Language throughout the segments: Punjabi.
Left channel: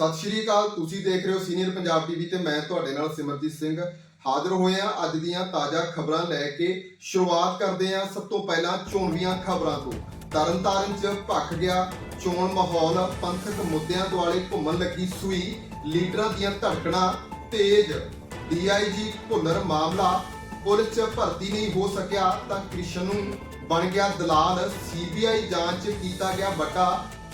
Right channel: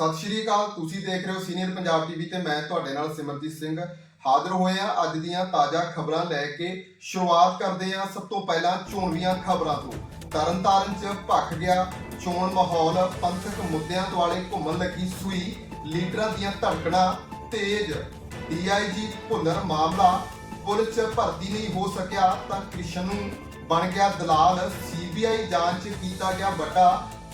ਸਤਿ ਸ਼੍ਰੀ ਅਕਾਲ, ਤੁਸੀਂ ਦੇਖ ਰਹੇ ਹੋ ਸੀਨੀਅਰ ਪੰਜਾਬ ਟੀਵੀ ਤੇ ਮੈਂ ਤੁਹਾਡੇ ਨਾਲ ਸਿਮਰਜੀਤ ਸਿੰਘ ਹਾਜ਼ਰ ਹੋਏ ਆ ਅੱਜ ਦੀਆਂ ਤਾਜ਼ਾ ਖਬਰਾਂ ਲੈ ਕੇ ਸ਼ੁਰੂਆਤ ਕਰਦੇ ਆ ਸਭ ਤੋਂ ਪਹਿਲਾਂ ਚੋਣਵੀਆਂ ਖਬਰਾਂ ਤੋਂ। ਤਰਨਤਾਰਨ 'ਚ ਭੱਖ ਗਿਆ, ਚੋਣ ਮਾਹੌਲ, ਪੰਥਕ ਮੁੱਦਿਆਂ ਦੁਆਲੇ ਘੁੰਮਣ ਲੱਗੀ ਸੂਈ, ਲੀਡਰਾਂ ਦੀਆਂ ਧੜਕਣਾਂ ਤੇਜ਼। ਡੀਆਈਜੀ ਭੁੱਲਰ ਮਾਮਲਾ ਪੁਲਿਸ 'ਚ ਭਰਤੀ ਨਹੀਂ ਹੋ ਸਕਿਆ ਤਾਂ ਕ੍ਰਿਸ਼ਨ ਨੂੰ ਬਣ ਗਿਆ ਦਲਾਲ, ਸੀਬੀਆਈ ਜਾਂਚ ਕੀਤਾ ਗਿਆ ਵੱਡਾ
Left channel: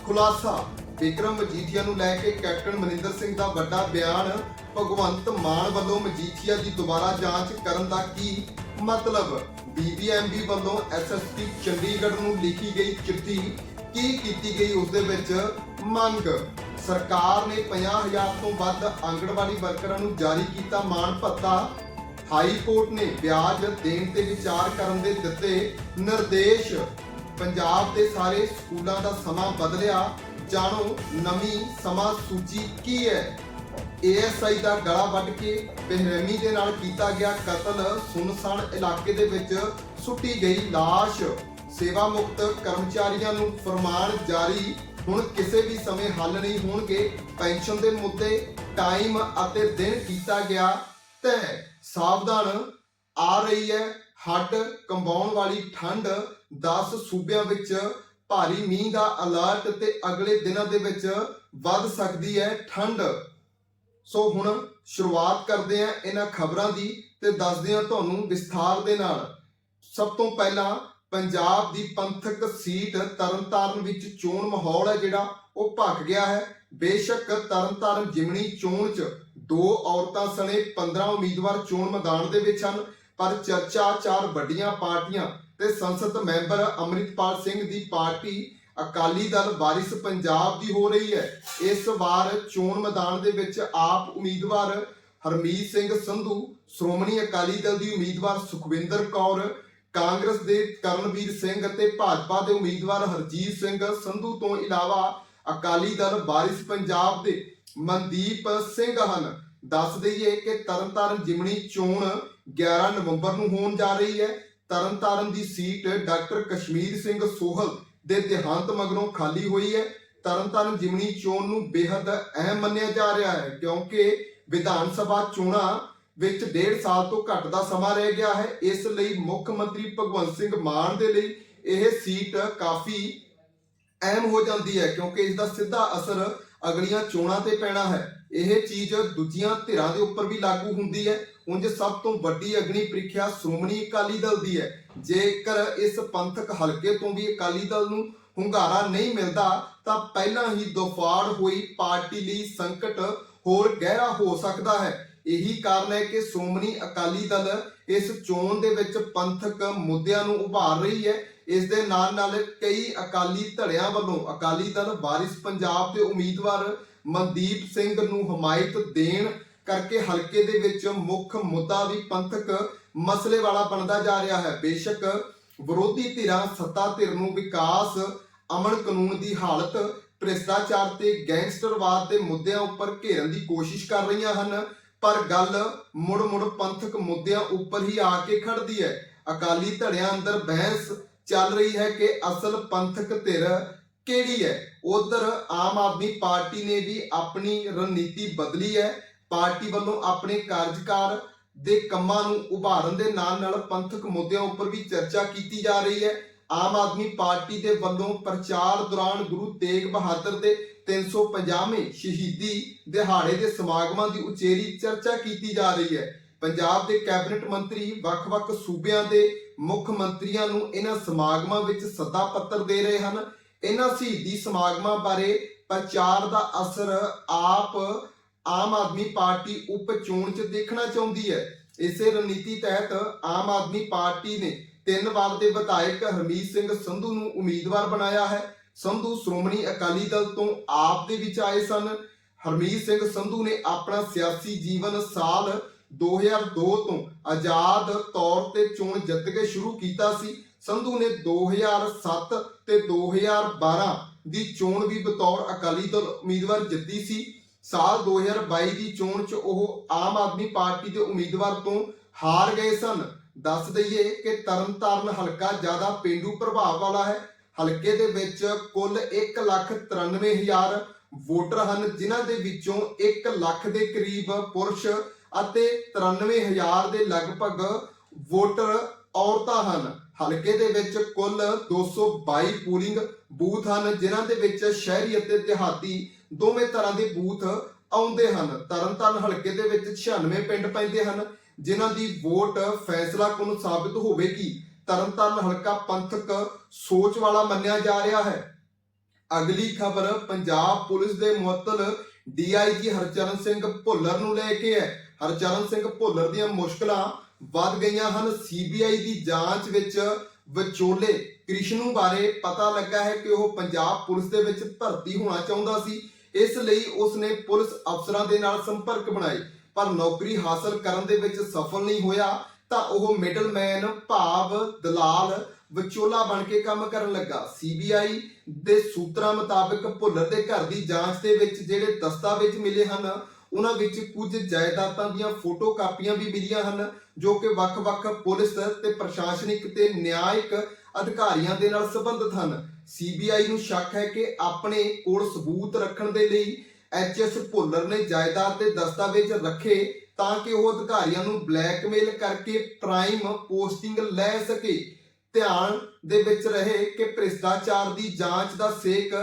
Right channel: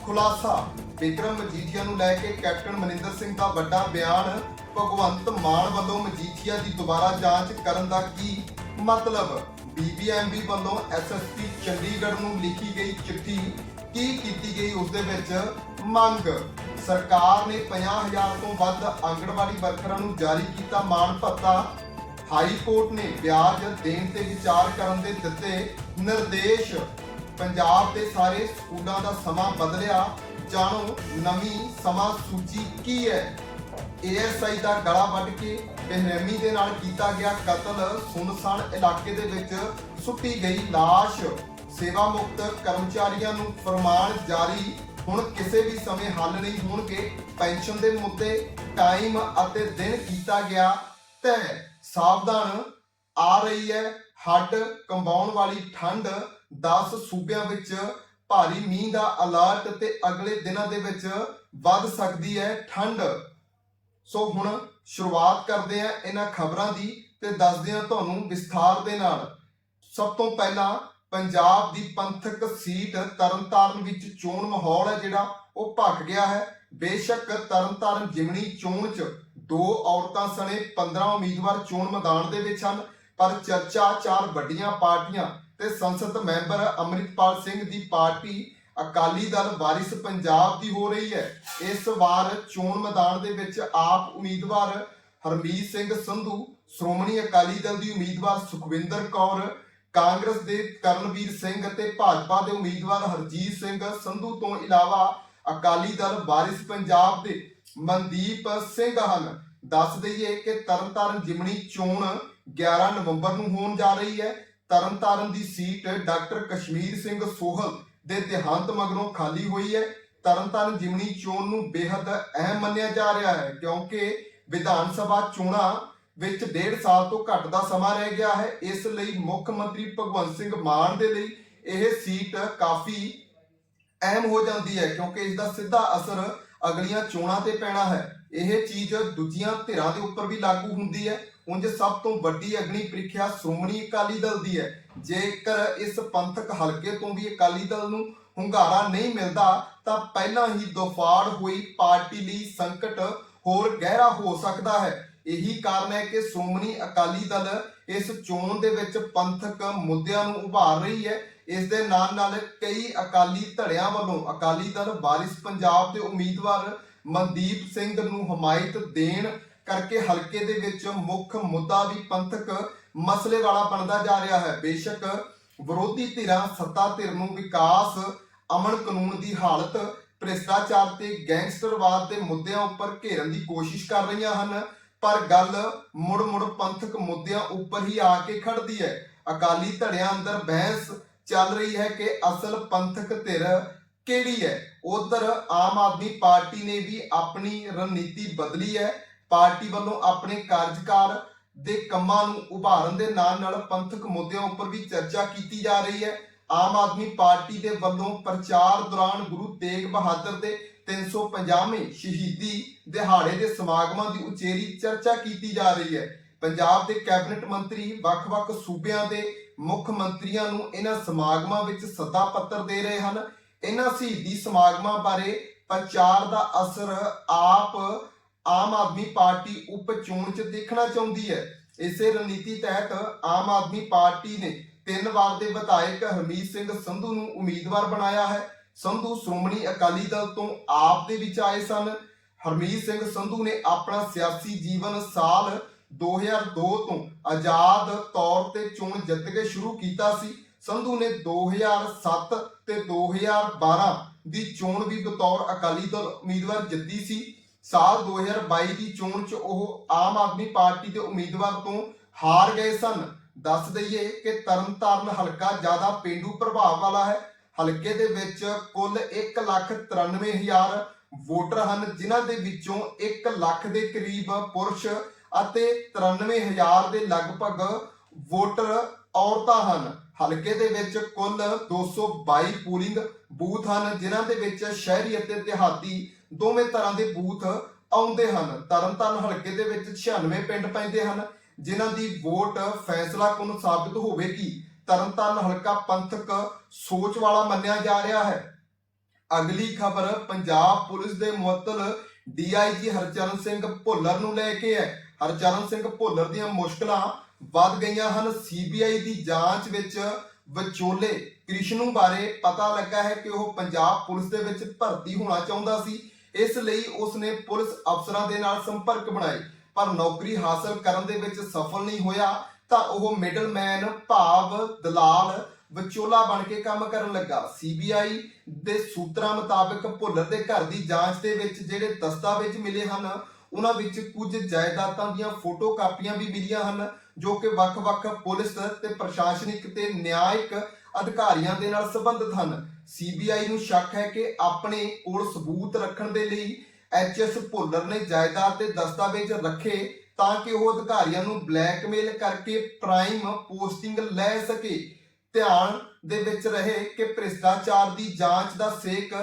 ਖੁਲਾਸਾ। ਵਿਕਰਮ ਮਜੀਠੀਆ ਨੂੰ ਲੈ ਕੇ ਕੈਪਟਨ ਮਨਿੰਦਰ ਸਿੰਘ ਦਾ ਵੱਡਾ ਬਿਆਨ। ਭਗਵੰਤ ਮਾਨ ਵੱਲੋਂ ਮਜੀਠੀਆ ਦੀ ਦੁਬਾਰਾ ਜਾਂਚ ਕਰਨ ਦਾ ਕੀ ਮਤਲਬ? ਬੀਬੀਐਮਬੀ ਵੱਲੋਂ ਐਸਐਸਪੀ ਚੰਡੀਗੜ੍ਹ ਨੂੰ ਲਿਖੀ ਗਈ ਚਿੱਠੀ ਕੀ ਕੀਤੀ ਗਈ ਉਸ ਦੇ ਵਿੱਚ? ਮੰਗ। ਸਰਕਾਰ ਨੇ 50000 ਤੋਂ ਵੱਧ ਆਂਗਣਵਾੜੀ ਵਰਕਰਾਂ ਨੂੰ ਜਾਰੀ ਕੀਤਾ ਮਾਣ ਭੱਤਾ। ਹਾਈ ਕੋਰਟ ਨੇ ਵਿਆਜ ਦੇਣ ਤੇ ਵਿਚਾਰ ਕਰਨ ਦੇ ਦਿੱਤੇ ਨਿਰਦੇਸ਼। ਪੰਜਾਬ ਦੇ ਸਾਰੇ ਸਕੂਲਾਂ ਦਾ ਸਮਾਂ ਬਦਲਿਆ। ਜਾਣੋ ਨਵੀਂ ਸਮਾਂ ਸੂਚੀ ਕੀ ਹੈ। ਏਐਸਆਈ ਦਾ ਗਲਾ ਵੱਢ ਕੇ ਬੇਰਹਿਮੀ ਦੇ ਨਾਲ ਕੀਤਾ ਗਿਆ ਕਤਲ ਸੁਨਸਾਨ ਇਲਾਕੇ ਦੇ ਵਿੱਚ ਸੁੱਟੀ ਗਈ ਲਾਸ਼। ਸੇਵਾ ਮੁਕਤ ਕਰਮਚਾਰੀਆਂ ਨੂੰ ਫਰਮਾਨ ਜਾਰੀ। ਹੁਣ ਕਿਸੇ ਵੀ ਸਮੇਂ ਹੱਲ ਨਹੀਂ ਹੋਣਗੇ। ਪੈਨਸ਼ਨ ਦੇ ਮੁੱਦੇ ਟਾਈਮ ਅਤੇ ਦਿਨ ਕੀਤਾ ਗਿਆ ਤੈ ਸਾਵਧਾਨ ਆ ਰਹੀ ਹੈ। ਹੱਡ ਕੰਬਾਉਣ ਵਾਲੀ ਠੰਡ 10 ਸੂਬਿਆਂ ਵਿੱਚ ਭਾਰੀ ਮੀਂਹ ਦਾ ਅਲਰਟ ਤੇ ਅਗਲੇ ਦਿਨਾਂ ਦੇ ਵਿੱਚ ਵੱਧ ਸਕਦੀ ਹੈ ਠੰਡ। ਸੋ ਹੁਣ ਸ਼ੁਰੂਆਤ ਕਰਦੇ ਹਾਂ ਇਹਨਾਂ ਖਬਰਾਂ ਦੀ ਤੇ ਦੱਸਦੇ ਹਾਂ ਤੁਹਾਨੂੰ ਵਿਸਥਾਰ ਦੇ ਨਾਲ। ਸਭ ਤੋਂ ਪਹਿਲਾਂ ਪੰਜਾਬ ਦੀ ਪੰਥਕ ਸੀਟ ਤਰਨਤਾਰਨ ਵਿੱਚ ਚੋਣ ਮਾਹੌਲ ਹੈ ਜਿਹੜਾ, ਉਹ ਭੱਗ ਗਿਆ ਹੈ। ਬੇਸ਼ੱਕ ਤਰਨਤਾਰਨ ਜਿਮਣੀ ਚੋਣ 'ਚ ਦੋ ਔਰਤਾਂ ਸਣੇ 15 ਉਮੀਦਵਾਰ ਚੋਣ ਮੈਦਾਨ ਦੇ ਵਿੱਚ ਹਨ, ਪਰ ਚਰਚਾ ਚਾਰ ਵੱਡੀਆਂ ਪਾਰਟੀਆਂ ਤੇ ਸੰਸਦ ਮੈਂਬਰ ਅੰਮ੍ਰਿਤਪਾਲ ਸਿੰਘ ਦੀ ਪਾਰਟੀ ਅਕਾਲੀ ਦਲ ਵਾਰਿਸ ਪੰਜਾਬ ਦੀ ਹੋ ਰਹੀ ਹੈ। ਇਸ ਵਾਰ ਚੋਣ ਮੈਦਾਨ ਦੇ ਵਿੱਚ ਆਪ ਉਮੀਦਵਾਰ ਹਰਮੀਤ ਸਿੰਘ ਸੰਧੂ, ਸ਼੍ਰੋਮਣੀ ਅਕਾਲੀ ਦਲ ਦੀ ਉਮੀਦਵਾਰ ਸੁਖਵਿੰਦਰ ਕੌਰ, ਕਾਂਗਰਸ ਦੇ ਕਰਨਵੀਰ ਸਿੰਘ ਅਤੇ ਭਾਜਪਾ ਦੇ ਉਮੀਦਵਾਰ ਹਰਜੀਤ ਸਿੰਘ ਸੰਧੂ ਤੋਂ ਇਲਾਵਾ ਅਕਾਲੀ ਦਲ ਵਾਰਿਸ ਪੰਜਾਬ ਦੇ ਮਨਦੀਪ ਸਿੰਘ ਹਨ। ਦੱਸ ਦਈਏ ਕਿ ਤਰਨਤਾਰਨ ਜਿਮਣੀ ਚੋਣ 11 ਨਵੰਬਰ ਨੂੰ ਹੋਣ ਜਾ ਰਹੀ ਹੈ। ਤਰਨਤਾਰਨ ਦੀ ਸੀਟ ਡਾਕਟਰ ਕਸ਼ਮੀਰ ਸਿੰਘ ਸੋਹਲ ਦੇ ਦੇਹਾਂਤ ਮਗਰੋਂ ਖਾਲੀ ਹੋਈ ਹੈ। ਤਰਨਤਾਰਨ ਜਿਮਣੀ ਚੋਣ ਨੂੰ ਬੇहद ਅਹਿਮ ਮੰਨਿਆ ਜਾ ਰਿਹਾ ਹੈ ਕਿਉਂਕਿ ਵਿਧਾਨ ਸਭਾ ਚੋਣਾਂ ਵਿੱਚ ਡੇਢ ਸਾਲ ਤੋਂ ਘੱਟ ਦਾ ਸਮਾਂ ਰਹਿ ਗਿਆ ਹੈ। ਇਸ ਲਈ ਮੁੱਖ ਮੰਤਰੀ ਭਗਵੰਤ ਸਿੰਘ ਮਾਨ ਦੇ ਲਈ ਇਹ ਸੀਟ ਕਾਫੀ ਅਹਿਮ ਹੋ ਜਾਂਦੀ ਹੈ ਕਿਉਂਕਿ ਇਸ ਦਾ ਸਿੱਧਾ ਅਸਰ ਅਗਲੀਆਂ ਚੋਣਾਂ ਤੇ ਪੈਣਾ ਹੈ। ਇਹ ਚੀਜ਼ ਦੂਜੀਆਂ ਧਿਰਾਂ ਦੇ ਉੱਪਰ ਵੀ ਲਾਗੂ ਹੁੰਦੀ ਹੈ। ਉਂਝ ਸਭ ਤੋਂ ਵੱਡੀ ਅਗਨੀ ਪ੍ਰੀਖਿਆ ਸ਼੍ਰੋਮਣੀ ਅਕਾਲੀ ਦਲ ਦੀ ਹੈ। ਜੇਕਰ ਇਸ ਪੰਥਕ ਹਲਕੇ ਤੋਂ ਵੀ ਅਕਾਲੀ ਦਲ ਨੂੰ ਹੁੰਗਾਰਾ ਨਹੀਂ ਮਿਲਦਾ, ਤਾਂ ਪਹਿਲਾਂ ਹੀ ਦੋਫਾੜ ਹੋਈ ਪਾਰਟੀ ਲਈ ਸੰਕਟ ਹੋਰ ਗਹਿਰਾ ਹੋ ਸਕਦਾ ਹੈ। ਇਹੀ ਕਾਰਨ ਹੈ ਕਿ ਸ਼੍ਰੋਮਣੀ ਅਕਾਲੀ ਦਲ ਇਸ ਚੋਣ ਦੇ ਵਿੱਚ ਪੰਥਕ ਮੁੱਦਿਆਂ ਨੂੰ ਉਭਾਰ ਰਹੀ ਹੈ। ਇਸ ਦੇ ਨਾਲ ਨਾਲ ਕਈ ਅਕਾਲੀ ਧੜਿਆਂ ਵੱਲੋਂ ਅਕਾਲੀ ਦਲ ਵਾਰਿਸ ਪੰਜਾਬ ਦੇ ਉਮੀਦਵਾਰ ਮਨਦੀਪ ਸਿੰਘ ਨੂੰ ਹਮਾਇਤ ਦੇਣ ਕਰਕੇ ਹਲਕੇ ਦੇ ਵਿੱਚ ਮੁੱਖ ਮੁੱਦਾ ਵੀ ਪੰਥਕ ਮਸਲੇ ਵਾਲਾ ਬਣਦਾ ਜਾ ਰਿਹਾ ਹੈ। ਬੇਸ਼ੱਕ ਵਿਰੋਧੀ ਧਿਰਾਂ ਸੱਤਾ ਧਿਰ ਨੂੰ ਵਿਕਾਸ ਅਮਨ ਕਾਨੂੰਨ ਦੀ ਹਾਲਤ, ਭ੍ਰਿਸ਼ਟਾਚਾਰ ਤੇ ਗੈਂਗਸਟਰਵਾਦ ਦੇ ਮੁੱਦਿਆਂ ਉੱਪਰ ਘੇਰਨ ਦੀ ਕੋਸ਼ਿਸ਼ ਕਰ ਰਹੀਆਂ ਹਨ। ਪਰ ਗੱਲ ਮੁੜ-ਮੁੜ ਪੰਥਕ ਮੁੱਦਿਆਂ ਉੱਪਰ ਹੀ ਆ ਕੇ ਖੜਦੀ ਹੈ। ਅਕਾਲੀ ਧੜਿਆਂ ਅੰਦਰ ਬਹਿਸ ਚੱਲ ਰਹੀ ਹੈ ਕਿ ਅਸਲ ਪੰਥਕ ਧਿਰ ਕਿਹੜੀ ਹੈ? ਉਧਰ ਆਮ ਆਦਮੀ ਪਾਰਟੀ ਨੇ ਵੀ ਆਪਣੀ ਰਣਨੀਤੀ ਬਦਲੀ ਹੈ। ਪਾਰਟੀ ਵੱਲੋਂ ਆਪਣੇ ਕਾਰਜਕਾਰ ਦੇ ਕੰਮਾਂ ਨੂੰ ਉਭਾਰਨ ਦੇ ਨਾਲ ਨਾਲ ਪੰਥਕ ਮੁੱਦਿਆਂ ਉੱਪਰ ਵੀ ਚਰਚਾ ਕੀਤੀ ਜਾ ਰਹੀ ਹੈ। ਆਮ ਆਦਮੀ ਪਾਰਟੀ ਦੇ ਵੱਲੋਂ ਪ੍ਰਚਾਰ ਦੌਰਾਨ ਗੁਰੂ ਤੇਗ ਬਹਾਦਰ ਦੇ 350ਵੇਂ ਸ਼ਹੀਦੀ ਦਿਹਾੜੇ ਦੇ ਸਮਾਗਮਾਂ ਦੀ ਉਚੇਰੀ ਚਰਚਾ ਕੀਤੀ ਜਾ ਰਹੀ ਹੈ। ਪੰਜਾਬ ਦੇ ਕੈਬਨਿਟ ਮੰਤਰੀ, ਵੱਖ-ਵੱਖ ਸੂਬਿਆਂ ਦੇ ਮੁੱਖ ਮੰਤਰੀਆਂ ਨੂੰ ਇਹਨਾਂ ਸਮਾਗਮਾਂ ਵਿੱਚ ਸੱਦਾ ਪੱਤਰ ਦੇ ਰਹੇ ਹਨ। ਇਹਨਾਂ ਸ਼ਹੀਦੀ ਸਮਾਗਮਾਂ ਬਾਰੇ ਪ੍ਰਚਾਰ ਦਾ ਅਸਰ ਆਪ ਆਮ ਆਦਮੀ ਪਾਰਟੀ ਉਪ ਚੋਣ 'ਚ ਦੇਖਣਾ ਚਾਹੁੰਦੀ ਹੈ। ਇਸੇ ਰਣਨੀਤੀ ਤਹਿਤ ਆਮ ਆਦਮੀ ਪਾਰਟੀ ਨੇ ਤਿੰਨ ਵਾਰ ਦੇ ਵਿਧਾਇਕ ਹਰਮੀਤ ਸਿੰਘ ਸੰਧੂ ਨੂੰ ਉਮੀਦਵਾਰ ਬਣਾਇਆ ਹੈ। ਸੰਧੂ ਸ਼੍ਰੋਮਣੀ ਅਕਾਲੀ ਦਲ ਤੋਂ ਆਪ ਦੇ ਵਿੱਚ ਆਏ ਸਨ। ਹਰਮੀਤ ਸਿੰਘ ਸੰਧੂ ਨੇ ਆਪਣਾ ਸਿਆਸੀ ਜੀਵਨ ਸਾਲ 2002 ਤੋਂ ਆਜ਼ਾਦ ਤੌਰ ਤੇ ਚੋਣ ਜਿੱਤ ਕੇ ਸ਼ੁਰੂ ਕੀਤਾ ਸੀ। ਸੰਧੂ ਨੇ 2007 ਤੇ 2012 ਦੀ ਚੋਣ ਵੀ ਬਤੌਰ ਅਕਾਲੀ ਦਲ ਉਮੀਦਵਾਰ ਜਿੱਤੀ ਸੀ। ਸਾਲ 2022 ਦੀ ਚੋਣ 'ਚ ਉਹ ਆਮ ਆਦਮੀ ਪਾਰਟੀ ਦੇ ਉਮੀਦਵਾਰ ਤੋਂ ਹਾਰ ਗਏ ਸਨ। ਦੱਸ ਦਈਏ ਕਿ ਤਰਨਤਾਰਨ ਹਲਕਾ ਜ਼ਿਆਦਾ ਪਿੰਡੂ ਪ੍ਰਭਾਵ ਵਾਲਾ ਹੈ। ਹਲਕੇ ਦੇ ਵਿੱਚ ਕੁੱਲ 193000 ਵੋਟਰ ਹਨ, ਜਿਨ੍ਹਾਂ ਦੇ ਵਿੱਚੋਂ 1 ਲੱਖ ਦੇ ਕਰੀਬ ਪੁਰਸ਼ ਅਤੇ 93000 ਦੇ ਲਗਭਗ ਵੋਟਰ ਔਰਤਾਂ ਹਨ। ਹਲਕੇ ਦੇ ਵਿੱਚ ਕੁੱਲ 222 ਪੂਲਿੰਗ ਬੂਥ ਹਨ, ਜਿਨ੍ਹਾਂ ਦੇ ਵਿੱਚ ਸ਼ਹਿਰੀ ਅਤੇ ਦਿਹਾਤੀ ਦੋਵੇਂ ਤਰ੍ਹਾਂ ਦੇ ਬੂਥ ਆਉਂਦੇ ਹਨ। ਤਰਨਤਾਰਨ ਹਲਕੇ ਦੇ ਵਿੱਚ 96 ਪਿੰਡ ਪੈਂਦੇ ਹਨ, ਜਿਨ੍ਹਾਂ ਦੀ ਵੋਟ ਫੈਸਲਾ ਕੁਨ ਸਾਬਿਤ ਹੋਵੇਗੀ। ਤਰਨਤਾਰਨ ਹਲਕਾ ਪੰਥਕ ਸੋਚ ਵਾਲਾ ਮੰਨਿਆ ਜਾ ਰਿਹਾ ਹੈ। ਅਗਲੀ ਖਬਰ ਪੰਜਾਬ ਪੁਲਿਸ ਦੇ ਮੁਅੱਤਲ ਡੀਆਈਜੀ ਹਰਚਰਨ ਸਿੰਘ ਭੁੱਲਰ ਨੂੰ ਲੈ ਕੇ ਹੈ। ਹਰਚਰਨ ਸਿੰਘ ਭੁੱਲਰ ਦੀਆਂ ਮੁਸ਼ਕਲਾਂ ਵੱਧ ਗਈਆਂ ਹਨ। ਸੀਬੀਆਈ ਦੀ ਜਾਂਚ ਵਿੱਚ ਵਿਚੋਲੇ ਕ੍ਰਿਸ਼ਨੂ ਬਾਰੇ ਪਤਾ ਲੱਗਾ ਹੈ ਕਿ ਉਹ ਪੰਜਾਬ ਪੁਲਿਸ ਦੇ ਵਿੱਚ ਭਰਤੀ ਹੋਣਾ ਚਾਹੁੰਦਾ ਸੀ। ਇਸ ਲਈ ਉਸਨੇ ਪੁਲਿਸ ਅਫਸਰਾਂ ਦੇ ਨਾਲ ਸੰਪਰਕ ਬਣਾਏ। ਪਰ ਨੌਕਰੀ ਹਾਸਲ ਕਰਨ ਦੇ ਵਿੱਚ ਸਫਲ ਨਹੀਂ ਹੋਇਆ, ਤਾਂ ਉਹ ਮਿਡਲਮੈਨ ਭਾਵ ਦਲਾਲ ਵਿਚੋਲਾ ਬਣ ਕੇ ਕੰਮ ਕਰਨ ਲੱਗਾ। ਸੀਬੀਆਈ ਦੇ ਸੂਤਰਾਂ ਮੁਤਾਬਕ ਭੁੱਲਰ ਦੇ ਘਰ ਦੀ ਜਾਂਚ ਦੇ ਵਿੱਚ ਜਿਹੜੇ ਦਸਤਾਵੇਜ਼ ਮਿਲੇ ਹਨ, ਉਹਨਾਂ ਵਿੱਚ ਕੁਝ ਜਾਇਦਾਦਾਂ ਦੀਆਂ ਫੋਟੋ ਕਾਪੀਆਂ ਵੀ ਮਿਲੀਆਂ ਹਨ, ਜੋ ਕਿ ਵੱਖ-ਵੱਖ ਪੁਲਿਸ ਤੇ ਪ੍ਰਸ਼ਾਸਨਿਕ ਤੇ ਨਿਆਇਕ ਅਧਿਕਾਰੀਆਂ ਦੇ ਨਾਲ ਸੰਬੰਧਿਤ ਹਨ। ਸੀਬੀਆਈ ਨੂੰ ਸ਼ੱਕ ਹੈ ਕਿ ਆਪਣੇ ਕੋਲ ਸਬੂਤ ਰੱਖਣ ਦੇ ਲਈ ਐਚਐਸ ਭੁੱਲਰ ਨੇ ਜਾਇਦਾਦ ਤੇ ਦਸਤਾਵੇਜ਼ ਰੱਖੇ ਤਾਂ ਕਿ ਉਹ ਅਧਿਕਾਰੀਆਂ ਨੂੰ ਬਲੈਕਮੇਲ ਕਰਕੇ ਪ੍ਰਾਈਮ ਪੋਸਟਿੰਗ ਲੈ ਸਕੇ। ਧਿਆਨ ਦੇ ਵਿੱਚ ਰਹੇ ਕਿ ਭ੍ਰਿਸ਼ਟਾਚਾਰ ਦੀ ਜਾਂਚ ਦਾ ਸੇਕ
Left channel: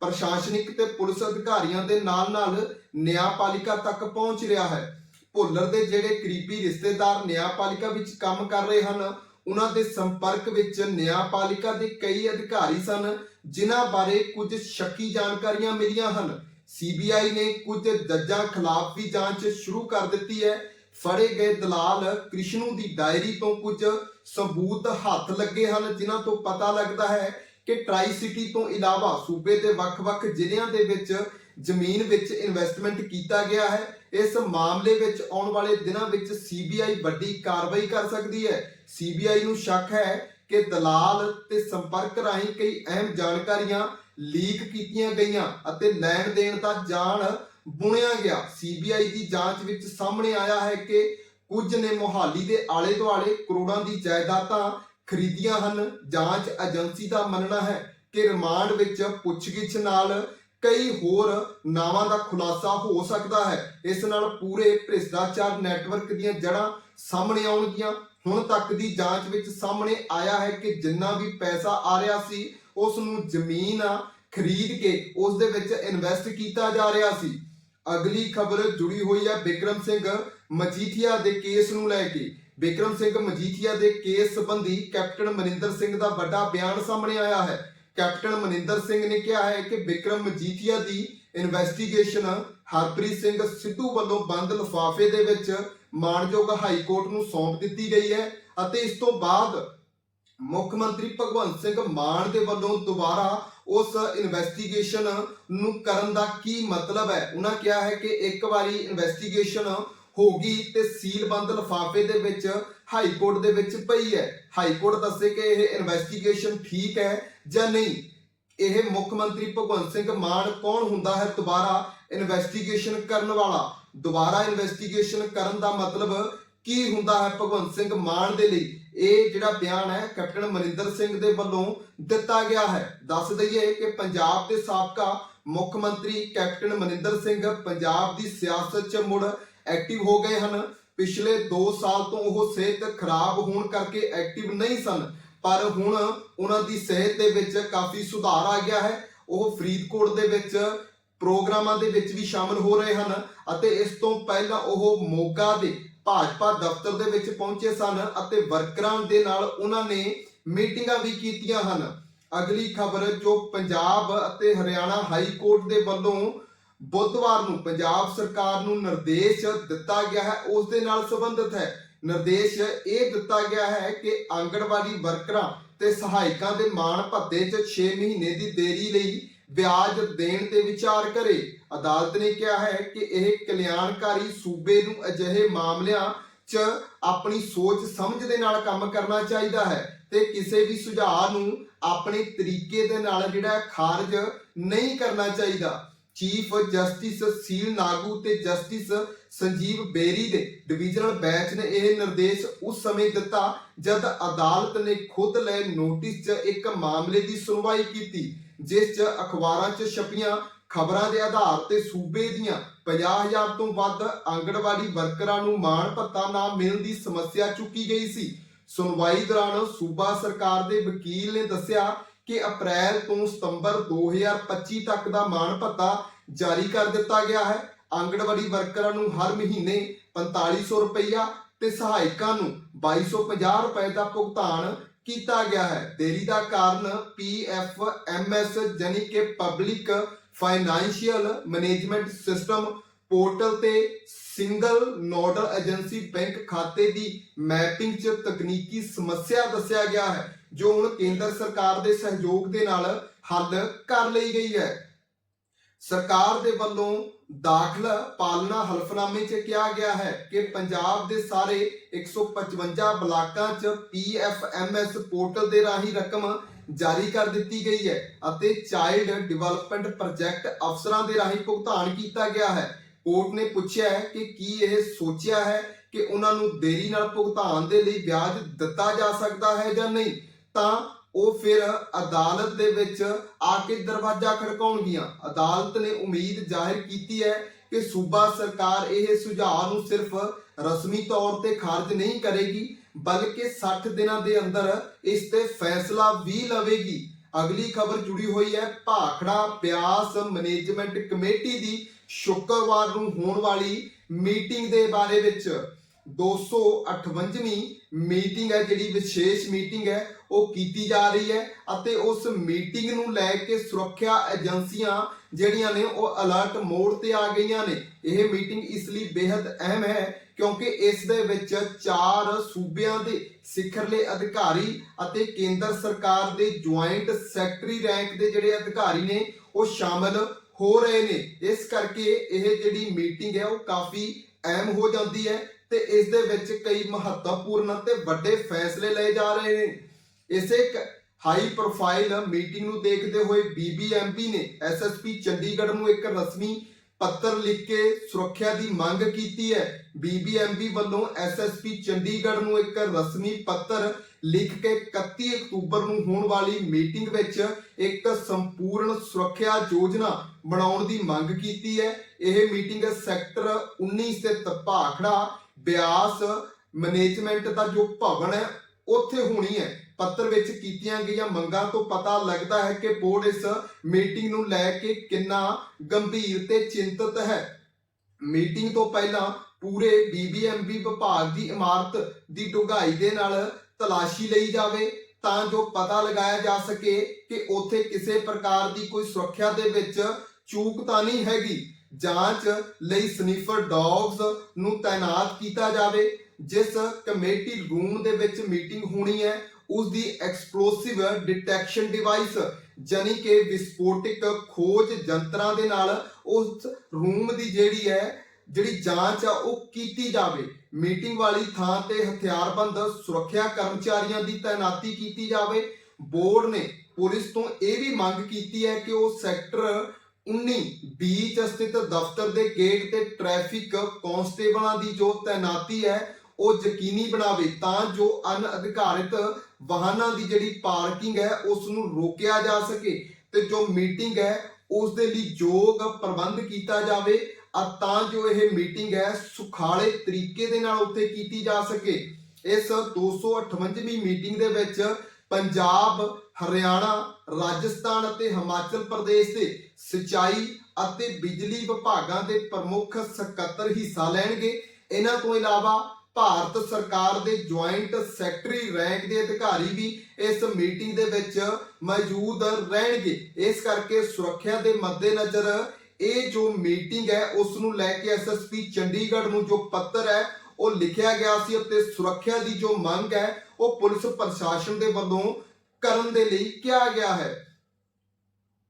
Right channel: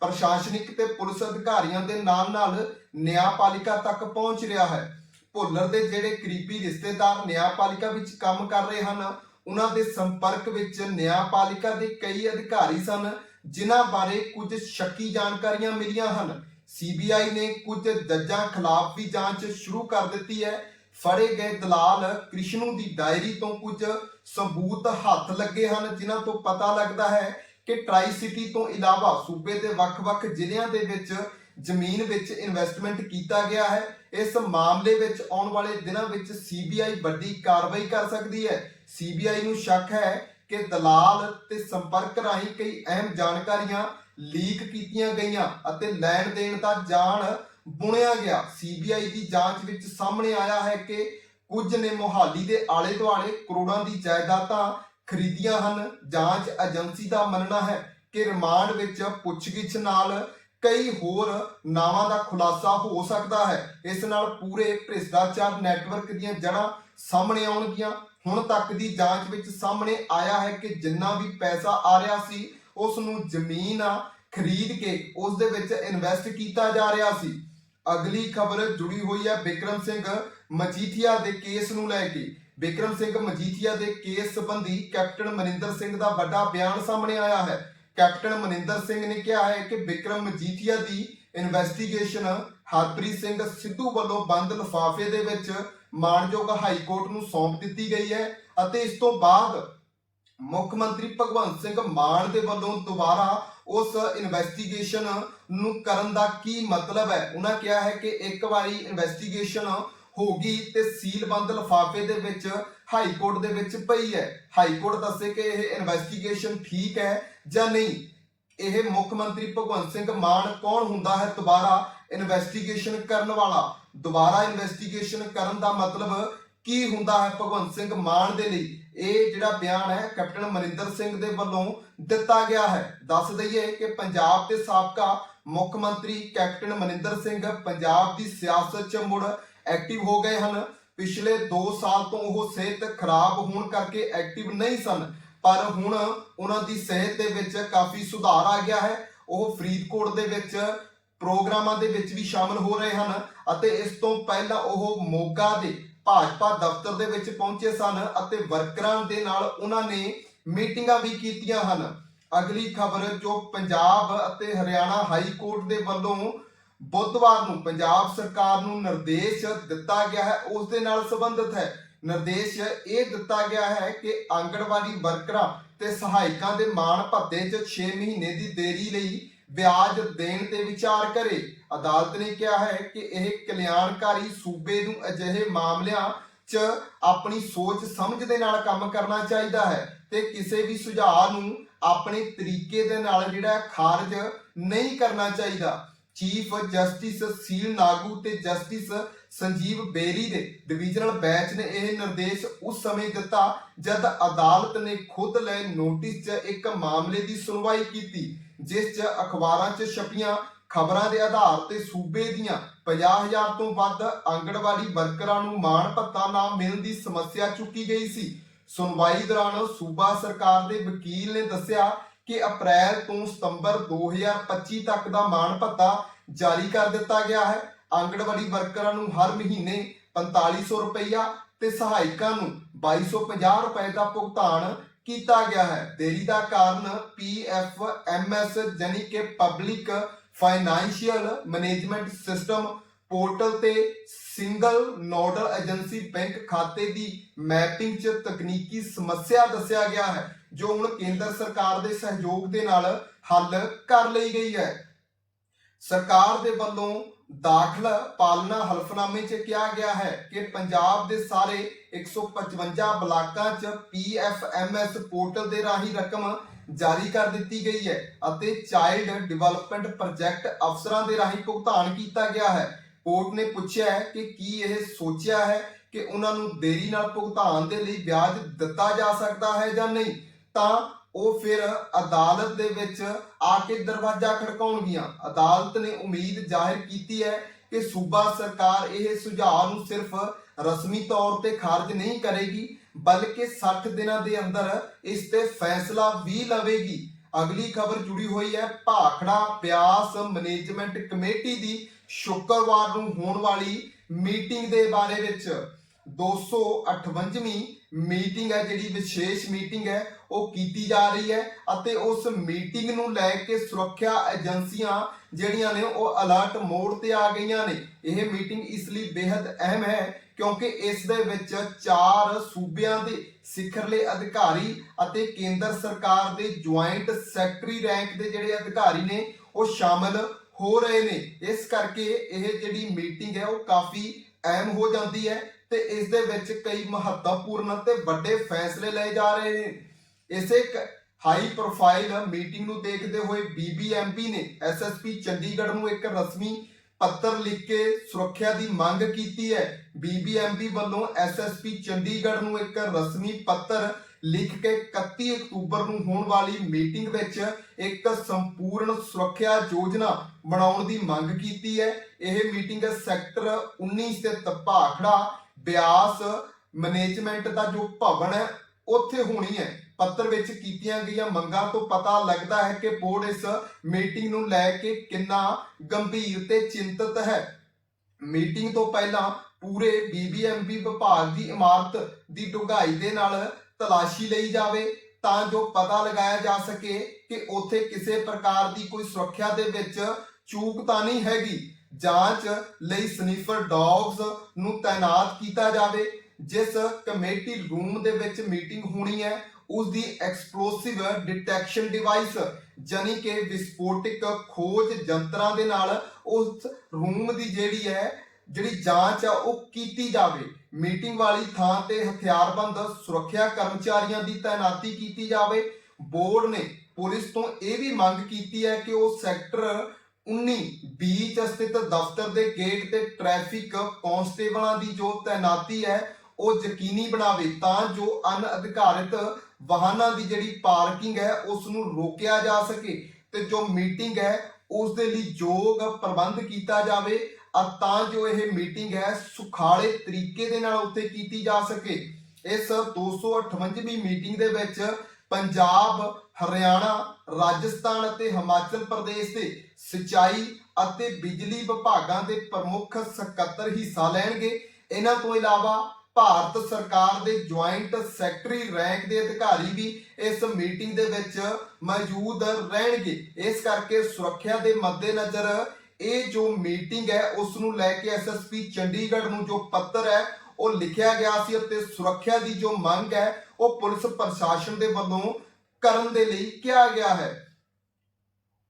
ਪ੍ਰਸ਼ਾਸਨਿਕ ਤੇ ਪੁਲਿਸ ਅਧਿਕਾਰੀਆਂ ਦੇ ਨਾਲ-ਨਾਲ ਨਿਆਂਪਾਲਿਕਾ ਤੱਕ ਪਹੁੰਚ ਰਿਹਾ ਹੈ। ਭੁੱਲਰ ਦੇ ਜਿਹੜੇ ਕਰੀਬੀ ਰਿਸ਼ਤੇਦਾਰ ਨਿਆਂਪਾਲਿਕਾ ਵਿੱਚ ਕੰਮ ਕਰ ਰਹੇ ਹਨ ਉਹਨਾਂ ਦੇ ਸੰਪਰਕ ਵਿੱਚ ਨਿਆਂਪਾਲਿਕਾ ਦੇ ਕਈ ਅਧਿਕਾਰੀ ਸਨ, ਜਿਨ੍ਹਾਂ ਬਾਰੇ ਕੁਝ ਸ਼ੱਕੀ ਜਾਣਕਾਰੀਆਂ ਮਿਲੀਆਂ ਹਨ। ਸੀਬੀਆਈ ਨੇ ਕੁਝ ਜੱਜਾਂ ਖਿਲਾਫ ਵੀ ਜਾਂਚ ਸ਼ੁਰੂ ਕਰ ਦਿੱਤੀ ਹੈ। ਫੜੇ ਗਏ ਦਲਾਲ ਕ੍ਰਿਸ਼ਨੂ ਦੀ ਡਾਇਰੀ ਤੋਂ ਕੁਝ ਸਬੂਤ ਹੱਥ ਲੱਗੇ ਹਨ, ਜਿਨ੍ਹਾਂ ਤੋਂ ਪਤਾ ਲੱਗਦਾ ਹੈ ਕਿ ਟਰਾਈ ਸਿਟੀ ਤੋਂ ਇਲਾਵਾ ਸੂਬੇ ਦੇ ਵੱਖ-ਵੱਖ ਜ਼ਿਲ੍ਹਿਆਂ ਦੇ ਵਿੱਚ ਜ਼ਮੀਨ ਵਿੱਚ ਇਨਵੈਸਟਮੈਂਟ ਕੀਤਾ ਗਿਆ ਹੈ, ਇਸ ਮਾਮਲੇ ਵਿੱਚ ਆਉਣ ਵਾਲੇ ਦਿਨਾਂ ਵਿੱਚ ਸੀਬੀਆਈ ਵੱਡੀ ਕਾਰਵਾਈ ਕਰ ਸਕਦੀ ਹੈ। ਸੀਬੀਆਈ ਨੂੰ ਸ਼ੱਕ ਹੈ ਕਿ ਦਲਾਲ ਤੇ ਸੰਪਰਕ ਰਾਹੀਂ ਕਈ ਅਹਿਮ ਜਾਣਕਾਰੀਆਂ ਲੀਕ ਕੀਤੀਆਂ ਗਈਆਂ ਅਤੇ ਲੈਣ ਦੇਣ ਦਾ ਜਾਣ ਬੁਣਿਆ ਗਿਆ। ਸੀਬੀਆਈ ਦੀ ਜਾਂਚ ਵਿੱਚ ਸਾਹਮਣੇ ਆਇਆ ਹੈ ਕਿ ਕੁਝ ਨੇ ਮੋਹਾਲੀ ਦੇ ਆਲੇ ਦੁਆਲੇ ਕਰੋੜਾਂ ਦੀ ਜਾਇਦਾਦਾਂ ਖਰੀਦੀਆਂ ਹਨ। ਜਾਂਚ ਏਜੰਸੀ ਦਾ ਮੰਨਣਾ ਹੈ ਕਿ ਰਿਮਾਂਡ ਵਿੱਚ ਪੁੱਛਗਿੱਛ ਨਾਲ ਕਈ ਹੋਰ ਨਾਵਾਂ ਦਾ ਖੁਲਾਸਾ ਹੋ ਸਕਦਾ ਹੈ। ਇਸ ਨਾਲ ਪੂਰੇ ਭ੍ਰਿਸ਼ਟਾਚਾਰ ਨੈਟਵਰਕ ਦੀਆਂ ਜੜ੍ਹਾਂ ਸਾਹਮਣੇ ਆਉਣਗੀਆਂ। ਹੁਣ ਤੱਕ ਦੀ ਜਾਂਚ ਵਿੱਚ ਸਾਹਮਣੇ ਆਇਆ ਹੈ ਕਿ ਜਿੰਨਾ ਵੀ ਪੈਸਾ ਆ ਰਿਹਾ ਸੀ, ਉਸ ਨੂੰ ਜ਼ਮੀਨ ਆ ਖਰੀਦ ਕੇ ਉਸ ਦੇ ਵਿੱਚ ਇਨਵੈਸਟ ਕੀਤਾ ਜਾ ਰਿਹਾ ਸੀ। ਅਗਲੀ ਖਬਰ ਜੁੜੀ ਹੋਈ ਹੈ ਬਿਕਰਮ ਸਿੰਘ ਮਜੀਠੀਆ ਦੇ ਕੇਸ ਨੂੰ ਲੈ ਕੇ। ਬਿਕਰਮ ਸਿੰਘ ਮਜੀਠੀਆ ਦੇ ਕੇਸ ਸੰਬੰਧੀ ਕੈਪਟਨ ਮਨਿੰਦਰ ਸਿੰਘ ਦਾ ਵੱਡਾ ਬਿਆਨ ਸਾਹਮਣੇ ਆਇਆ ਹੈ। ਕੈਪਟਨ ਮਨਿੰਦਰ ਸਿੰਘ ਨੇ ਕਿਹਾ ਹੈ ਕਿ ਬਿਕਰਮ ਮਜੀਠੀਆ ਦੀ ਇਨਵੈਸਟੀਗੇਸ਼ਨ ਹਰਪ੍ਰੀਤ ਸਿੰਘ ਸਿੱਧੂ ਵੱਲੋਂ ਬੰਦ ਲਿਫਾਫੇ ਦੇ ਵਿੱਚ ਮਾਨਯੋਗ ਹਾਈ ਕੋਰਟ ਨੂੰ ਸੌਂਪ ਦਿੱਤੀ ਗਈ ਹੈ ਅਤੇ ਇਸ ਤੋਂ ਬਾਅਦ ਮੁੱਖ ਮੰਤਰੀ ਭਗਵੰਤ ਸਿੰਘ ਮਾਨ ਦੇ ਵੱਲੋਂ ਦੁਬਾਰਾ ਉਸ ਇਨਵੈਸਟੀਗੇਸ਼ਨ ਨੂੰ ਕਰਨ ਦਾ ਕੀ ਮਤਲਬ ਹੈ? ਉਹਨਾਂ ਕਿਹਾ ਹੈ ਕਿ ਇੱਕ ਵਾਰੀ ਇਨਵੈਸਟੀਗੇਸ਼ਨ ਹੋਗੀ ਤੇ ਸੀਲਬੰਦ ਲਿਫਾਫੇ ਦੇ ਵਿੱਚ ਹਾਈ ਕੋਰਟ ਦੇ ਵਿੱਚ ਪਈ ਹੈ। ਹਾਈ ਕੋਰਟ ਦੱਸੇ ਕਿ ਇਹ ਇਨਵੈਸਟੀਗੇਸ਼ਨ ਠੀਕ ਹੈ ਜਾਂ ਨਹੀਂ? ਇਹ ਮੁੱਖ ਮੰਤਰੀ ਭਗਵੰਤ ਸਿੰਘ ਮਾਨ ਕੌਣ ਹੁੰਦਾ ਹੈ? ਦੁਬਾਰਾ ਇਨਵੈਸਟੀਗੇਸ਼ਨ ਕਰਨ ਵਾਲਾ। ਦੁਬਾਰਾ ਇਨਵੈਸਟੀਗੇਸ਼ਨ ਕਰਨ ਦਾ ਮਤਲਬ ਕੀ ਹੁੰਦਾ ਹੈ ਭਗਵੰਤ ਸਿੰਘ ਮਾਨ ਦੇ ਲਈ? ਇਹ ਜਿਹੜਾ ਬਿਆਨ ਹੈ, ਕੈਪਟਨ ਮਨਿੰਦਰ ਸਿੰਘ ਦੇ ਵੱਲੋਂ ਦਿੱਤਾ ਗਿਆ ਹੈ। ਦੱਸ ਦਈਏ ਕਿ ਪੰਜਾਬ ਦੇ ਸਾਬਕਾ ਮੁੱਖ ਮੰਤਰੀ ਕੈਪਟਨ ਮਨਿੰਦਰ ਸਿੰਘ ਪੰਜਾਬ ਦੀ ਸਿਆਸਤ 'ਚ ਮੁੜ ਐਕਟਿਵ ਹੋ ਗਏ ਹਨ। ਪਿਛਲੇ 2 ਸਾਲ ਤੋਂ ਉਹ ਸਿਹਤ ਖਰਾਬ ਹੋਣ ਕਰਕੇ ਐਕਟਿਵ ਨਹੀਂ ਸਨ, ਪਰ ਹੁਣ ਉਹਨਾਂ ਦੀ ਸਿਹਤ ਦੇ ਵਿੱਚ ਕਾਫੀ ਸੁਧਾਰ ਆ ਗਿਆ ਹੈ। ਉਹ ਫਰੀਦਕੋਟ ਦੇ ਵਿੱਚ ਪ੍ਰੋਗਰਾਮਾਂ ਦੇ ਵਿੱਚ ਵੀ ਸ਼ਾਮਲ ਹੋ ਰਹੇ ਹਨ ਅਤੇ ਇਸ ਤੋਂ ਪਹਿਲਾਂ ਉਹ ਮੋਗਾ ਦੇ ਭਾਜਪਾ ਦਫ਼ਤਰ ਦੇ ਵਿੱਚ ਪਹੁੰਚੇ ਸਨ ਅਤੇ ਵਰਕਰਾਂ ਦੇ ਨਾਲ ਉਹਨਾਂ ਨੇ ਮੀਟਿੰਗਾਂ ਵੀ ਕੀਤੀਆਂ ਹਨ। ਅਗਲੀ ਖਬਰ ਜੋ ਪੰਜਾਬ ਅਤੇ ਹਰਿਆਣਾ ਹਾਈ ਕੋਰਟ ਦੇ ਵੱਲੋਂ ਬੁੱਧਵਾਰ ਨੂੰ ਪੰਜਾਬ ਸਰਕਾਰ ਨੂੰ ਨਿਰਦੇਸ਼ ਦਿੱਤਾ ਗਿਆ ਹੈ, ਉਸ ਦੇ ਨਾਲ ਸੰਬੰਧਿਤ ਹੈ। ਨਿਰਦੇਸ਼ ਇਹ ਦਿੱਤਾ ਗਿਆ ਹੈ ਕਿ ਆਂਗਣਵਾੜੀ ਵਰਕਰਾਂ ਤੇ ਸਹਾਇਕਾਂ ਦੇ ਮਾਣ ਭੱਤੇ 'ਚ 6 ਮਹੀਨੇ ਦੀ ਦੇਰੀ ਲਈ ਵਿਆਜ ਦੇਣ ਤੇ ਵਿਚਾਰ ਕਰੇ। ਅਦਾਲਤ ਨੇ ਕਿਹਾ ਹੈ ਕਿ ਇਹ ਕਲਿਆਣਕਾਰੀ ਸੂਬੇ ਨੂੰ ਅਜਿਹੇ ਮਾਮਲਿਆਂ 'ਚ ਆਪਣੀ ਸੋਚ ਸਮਝ ਦੇ ਨਾਲ ਕੰਮ ਕਰਨਾ ਚਾਹੀਦਾ ਹੈ ਤੇ ਕਿਸੇ ਵੀ ਸੁਝਾਅ ਨੂੰ ਆਪਣੇ ਤਰੀਕੇ ਦੇ ਨਾਲ ਜਿਹੜਾ ਖਾਰਜ ਨਹੀਂ ਕਰਨਾ ਚਾਹੀਦਾ। ਚੀਫ ਜਸਟਿਸ ਸੀਲ ਨਾਗੂ ਤੇ ਜਸਟਿਸ ਸੰਜੀਵ ਬੇਰੀ ਦੇ ਡਿਵੀਜ਼ਨਲ ਬੈਂਚ ਨੇ ਇਹ ਨਿਰਦੇਸ਼ ਉਸ ਸਮੇਂ ਦਿੱਤਾ ਜਦ ਅਦਾਲਤ ਨੇ ਖੁਦ ਲਏ ਨੋਟਿਸ 'ਚ ਇੱਕ ਮਾਮਲੇ ਦੀ ਸੁਣਵਾਈ ਕੀਤੀ, ਜਿਸ 'ਚ ਅਖਬਾਰਾਂ 'ਚ ਛਪੀਆਂ ਖਬਰਾਂ ਦੇ ਆਧਾਰ ਤੇ ਸੂਬੇ ਦੀਆਂ 50000 ਤੋਂ ਵੱਧ ਆਂਗਣਵਾੜੀ ਵਰਕਰਾਂ ਨੂੰ ਮਾਣ ਭੱਤਾ ਨਾ ਮਿਲਣ ਦੀ ਸਮੱਸਿਆ ਚੁੱਕੀ ਗਈ ਸੀ। ਸੁਣਵਾਈ ਦੌਰਾਨ ਸੂਬਾ ਸਰਕਾਰ ਦੇ ਵਕੀਲ ਨੇ ਦੱਸਿਆ ਕਿ ਅਪ੍ਰੈਲ ਤੋਂ ਸਤੰਬਰ 2025 ਤੱਕ ਦਾ ਮਾਣ ਭੱਤਾ ਜਾਰੀ ਕਰ ਦਿੱਤਾ ਗਿਆ ਹੈ। ਆਂਗਣਵਾੜੀ ਵਰਕਰਾਂ ਨੂੰ ਹਰ ਮਹੀਨੇ 4500 ਰੁਪਈਆ ਤੇ ਸਹਾਇਕਾਂ ਨੂੰ 2250 ਰੁਪਏ ਦਾ ਭੁਗਤਾਨ ਕੀਤਾ ਗਿਆ ਹੈ। ਦੇਰੀ ਦਾ ਕਾਰਨ ਪੀਐਫਐਮਐਸ ਜਾਨੀ ਕਿ public financial management system portal ਤੇ ਸਿੰਗਲ ਨੋਡਲ ਏਜੰਸੀ ਬੈਂਕ ਖਾਤੇ ਦੀ ਮੈਪਿੰਗ 'ਚ ਤਕਨੀਕੀ ਸਮੱਸਿਆ ਦੱਸਿਆ ਗਿਆ ਹੈ। ਜੋ ਹੁਣ ਕੇਂਦਰ ਸਰਕਾਰ ਦੇ ਸਹਿਯੋਗ ਦੇ ਨਾਲ ਹੱਲ ਕਰ ਲਈ ਗਈ ਹੈ। ਸਰਕਾਰ ਦੇ ਵੱਲੋਂ ਦਾਖਲ ਪਾਲਣਾ ਹਲਫਨਾਮੇ 'ਚ ਕਿਹਾ ਗਿਆ ਹੈ ਕਿ ਪੰਜਾਬ ਦੇ ਸਾਰੇ 155 ਬਲਾਕਾਂ 'ਚ ਪੀਐਫਐਮਐਸ ਪੋਰਟਲ ਦੇ ਰਾਹੀਂ ਰਕਮ ਜਾਰੀ ਕਰ ਦਿੱਤੀ ਗਈ ਹੈ ਅਤੇ ਚਾਈਲਡ ਡਿਵੈਲਪਮੈਂਟ ਪ੍ਰੋਜੈਕਟ ਅਫਸਰਾਂ ਦੇ ਰਾਹੀਂ ਭੁਗਤਾਨ ਕੀਤਾ ਗਿਆ ਹੈ। ਕੋਰਟ ਨੇ ਪੁੱਛਿਆ ਹੈ ਕਿ ਕੀ ਇਹ ਸੋਚਿਆ ਹੈ ਕਿ ਉਹਨਾਂ ਨੂੰ ਦੇਰੀ ਨਾਲ ਭੁਗਤਾਨ ਦੇ ਲਈ ਵਿਆਜ ਦਿੱਤਾ ਜਾ ਸਕਦਾ ਹੈ ਜਾਂ ਨਹੀਂ। ਤਾਂ ਉਹ ਫਿਰ ਅਦਾਲਤ ਦੇ ਵਿੱਚ ਆ ਕੇ ਦਰਵਾਜ਼ਾ ਖੜਕਾਉਣਗੀਆਂ। ਅਦਾਲਤ ਨੇ ਉਮੀਦ ਜ਼ਾਹਿਰ ਕੀਤੀ ਹੈ ਕਿ ਸੂਬਾ ਸਰਕਾਰ ਇਹ ਸੁਝਾਅ ਨੂੰ ਸਿਰਫ ਰਸਮੀ ਤੌਰ ਤੇ ਖਾਰਜ ਨਹੀਂ ਕਰੇਗੀ, ਬਲਕਿ 60 ਦਿਨਾਂ ਦੇ ਅੰਦਰ ਇਸ ਤੇ ਫੈਸਲਾ ਵੀ ਲਵੇਗੀ। ਅਗਲੀ ਖਬਰ ਜੁੜੀ ਹੋਈ ਹੈ ਭਾਖੜਾ ਬਿਆਸ ਮੈਨੇਜਮੈਂਟ ਕਮੇਟੀ ਦੀ ਸ਼ੁੱਕਰਵਾਰ ਨੂੰ ਹੋਣ ਵਾਲੀ ਮੀਟਿੰਗ ਦੇ ਬਾਰੇ ਵਿੱਚ। 258ਵੀਂ ਮੀਟਿੰਗ ਹੈ, ਜਿਹੜੀ ਵਿਸ਼ੇਸ਼ ਮੀਟਿੰਗ ਹੈ ਉਹ ਕੀਤੀ ਜਾ ਰਹੀ ਹੈ ਅਤੇ ਉਸ ਮੀਟਿੰਗ ਨੂੰ ਲੈ ਕੇ ਸੁਰੱਖਿਆ ਏਜੰਸੀਆਂ ਜਿਹੜੀਆਂ ਨੇ ਉਹ ਅਲਰਟ ਮੋਡ ਤੇ ਆ ਗਈਆਂ ਨੇ। ਇਹ ਮੀਟਿੰਗ ਇਸ ਲਈ ਬੇहद ਅਹਿਮ ਹੈ ਕਿਉਂਕਿ ਇਸ ਦੇ ਵਿੱਚ ਚਾਰ ਸੂਬਿਆਂ ਦੇ ਸਿਖਰਲੇ ਅਧਿਕਾਰੀ ਅਤੇ ਕੇਂਦਰ ਸਰਕਾਰ ਦੇ ਜੁਆਇੰਟ ਸੈਕਟਰੀ ਰੈਂਕ ਦੇ ਜਿਹੜੇ ਅਧਿਕਾਰੀ ਨੇ, ਉਹ ਸ਼ਾਮਲ ਹੋ ਰਹੇ ਨੇ। ਇਸ ਕਰਕੇ ਇਹ ਜਿਹੜੀ ਮੀਟਿੰਗ ਹੈ, ਉਹ ਕਾਫੀ ਅਹਿਮ ਹੋ ਜਾਂਦੀ ਹੈ ਤੇ ਇਸ ਦੇ ਵਿੱਚ ਕਈ ਮਹੱਤਵਪੂਰਨ ਤੇ ਵੱਡੇ ਫੈਸਲੇ ਲਏ ਜਾ ਰਹੇ ਨੇ। ਇਸੇ ਹਾਈ ਪ੍ਰੋਫਾਈਲ ਮੀਟਿੰਗ ਨੂੰ ਦੇਖਦੇ ਹੋਏ ਬੀਬੀਐਮਪੀ ਨੇ ਐਸਐਸਪੀ ਚੰਡੀਗੜ੍ਹ ਨੂੰ ਇੱਕ ਰਸਮੀ ਪੱਤਰ ਲਿਖ ਕੇ ਸੁਰੱਖਿਆ ਦੀ ਮੰਗ ਕੀਤੀ ਹੈ। ਬੀਬੀਐਮਪੀ ਵੱਲੋਂ ਐਸਐਸਪੀ ਚੰਡੀਗੜ੍ਹ ਨੂੰ ਇੱਕ ਰਸਮੀ ਪੱਤਰ ਲਿਖ ਕੇ 31 ਅਕਤੂਬਰ ਨੂੰ ਹੋਣ ਵਾਲੀ ਮੀਟਿੰਗ ਵਿੱਚ ਇੱਕ ਸੰਪੂਰਨ ਸੁਰੱਖਿਆ ਯੋਜਨਾ ਬਣਾਉਣ ਦੀ ਮੰਗ ਕੀਤੀ ਹੈ। ਇਹ ਮੀਟਿੰਗ ਸੈਕਟਰ 19 ਸਥਿਤ ਭਾਖੜਾ ਬਿਆਸ ਮੈਨੇਜਮੈਂਟ ਦਾ ਜੋ ਭਵਨ ਹੈ, ਉੱਥੇ ਹੋਣੀ ਹੈ। ਪੱਤਰ ਵਿੱਚ ਕੀਤੀਆਂ ਗਈਆਂ ਮੰਗਾਂ ਤੋਂ ਪਤਾ ਲੱਗਦਾ ਹੈ ਕਿ ਬੋਰਡ ਇਸ ਮੀਟਿੰਗ ਨੂੰ ਲੈ ਕੇ ਕਿੰਨਾ ਗੰਭੀਰ ਤੇ ਚਿੰਤਤ ਹੈ। ਮੀਟਿੰਗ ਤੋਂ ਪਹਿਲਾਂ ਪੂਰੇ ਬੀਬੀਐਮਬੀ ਵਿਭਾਗ ਦੀ ਇਮਾਰਤ ਦੀ ਡੂੰਘਾਈ ਦੇ ਨਾਲ ਤਲਾਸ਼ੀ ਲਈ ਜਾਵੇ ਤਾਂ ਜੋ ਪਤਾ ਲਗਾਇਆ ਜਾ ਸਕੇ ਕਿ ਉੱਥੇ ਕਿਸੇ ਪ੍ਰਕਾਰ ਦੀ ਕੋਈ ਸੁਰੱਖਿਆ ਦੇ ਵਿੱਚ ਚੂਕ ਤਾਂ ਨਹੀਂ ਹੈਗੀ। ਜਾਂਚ ਲਈ ਸਨੀਫਰ ਡੌਗਸ ਨੂੰ ਤਾਇਨਾਤ ਕੀਤਾ ਜਾਵੇ, ਜਿਸ ਕਮੇਟੀ ਰੂਮ ਦੇ ਵਿੱਚ ਮੀਟਿੰਗ ਹੋਣੀ ਹੈ। ਉਸ ਦੀ ਐਕਸਪਲੋਸਿਵ ਡਿਟੈਕਸ਼ਨ ਡਿਵਾਈਸ ਜਾਨੀ ਕਿ ਵਿਸਫੋਟਕ ਖੋਜ ਯੰਤਰਾਂ ਦੇ ਨਾਲ ਉਸ ਰੂਮ ਦੀ ਜਿਹੜੀ ਹੈ, ਜਿਹੜੀ ਜਾਂਚ ਆ, ਉਹ ਕੀਤੀ ਜਾਵੇ। ਮੀਟਿੰਗ ਵਾਲੀ ਥਾਂ ਤੇ ਹਥਿਆਰਬੰਦ ਸੁਰੱਖਿਆ ਕਰਮਚਾਰੀਆਂ ਦੀ ਤਾਇਨਾਤੀ ਕੀਤੀ ਜਾਵੇ। ਬੋਰਡ ਨੇ ਪੁਲਿਸ ਤੋਂ ਇਹ ਵੀ ਮੰਗ ਕੀਤੀ ਹੈ ਕਿ ਉਹ ਸੈਕਟਰ 19 ਬੀਚ ਸਥਿਤ ਦਫ਼ਤਰ ਦੇ ਗੇਟ ਤੇ ਟ੍ਰੈਫਿਕ ਕਾਂਸਟੇਬਲਾਂ ਦੀ ਜੋ ਤਾਇਨਾਤੀ ਹੈ, ਉਹ ਯਕੀਨੀ ਬਣਾਵੇ ਤਾਂ ਜੋ ਅਨਅਧਿਕਾਰਿਤ ਵਾਹਨਾਂ ਦੀ ਜਿਹੜੀ ਪਾਰਕਿੰਗ ਹੈ ਉਸ ਨੂੰ ਰੋਕਿਆ ਜਾ ਸਕੇ ਤੇ ਜੋ ਮੀਟਿੰਗ ਹੈ ਉਸ ਦੇ ਲਈ ਯੋਗ ਪ੍ਰਬੰਧ ਕੀਤਾ ਜਾਵੇ ਤਾਂ ਜੋ ਇਹ ਮੀਟਿੰਗ ਹੈ, ਸੁਖਾਲੇ ਤਰੀਕੇ ਦੇ ਨਾਲ ਉੱਥੇ ਕੀਤੀ ਜਾ ਸਕੇ। ਇਸ 258ਵੀਂ ਮੀਟਿੰਗ ਦੇ ਵਿੱਚ ਪੰਜਾਬ, ਹਰਿਆਣਾ, ਰਾਜਸਥਾਨ ਅਤੇ ਹਿਮਾਚਲ ਪ੍ਰਦੇਸ਼ ਦੇ ਸਿੰਚਾਈ ਅਤੇ ਬਿਜਲੀ ਵਿਭਾਗਾਂ ਦੇ ਪ੍ਰਮੁੱਖ ਸਕੱਤਰ ਹਿੱਸਾ ਲੈਣਗੇ। ਇਹਨਾਂ ਤੋਂ ਇਲਾਵਾ ਭਾਰਤ ਸਰਕਾਰ ਦੇ ਜੁਆਇੰਟ ਸੈਕਟਰੀ ਰੈਂਕ ਦੇ ਅਧਿਕਾਰੀ ਵੀ ਇਸ ਮੀਟਿੰਗ ਦੇ ਵਿੱਚ ਮੌਜੂਦ ਰਹਿਣਗੇ। ਇਸ ਕਰਕੇ ਸੁਰੱਖਿਆ ਦੇ ਮੱਦੇਨਜ਼ਰ ਇਹ ਜੋ ਮੀਟਿੰਗ ਹੈ ਉਸ ਨੂੰ ਲੈ ਕੇ ਐਸਐਸਪੀ ਚੰਡੀਗੜ੍ਹ ਨੂੰ ਜੋ ਪੱਤਰ ਹੈ, ਉਹ ਲਿਖਿਆ ਗਿਆ ਸੀ ਅਤੇ ਸੁਰੱਖਿਆ ਦੀ ਜੋ ਮੰਗ ਹੈ, ਉਹ ਪੁਲਿਸ ਪ੍ਰਸ਼ਾਸਨ ਦੇ ਵੱਲੋਂ ਕਰਨ ਦੇ ਲਈ ਕਿਹਾ ਗਿਆ ਹੈ।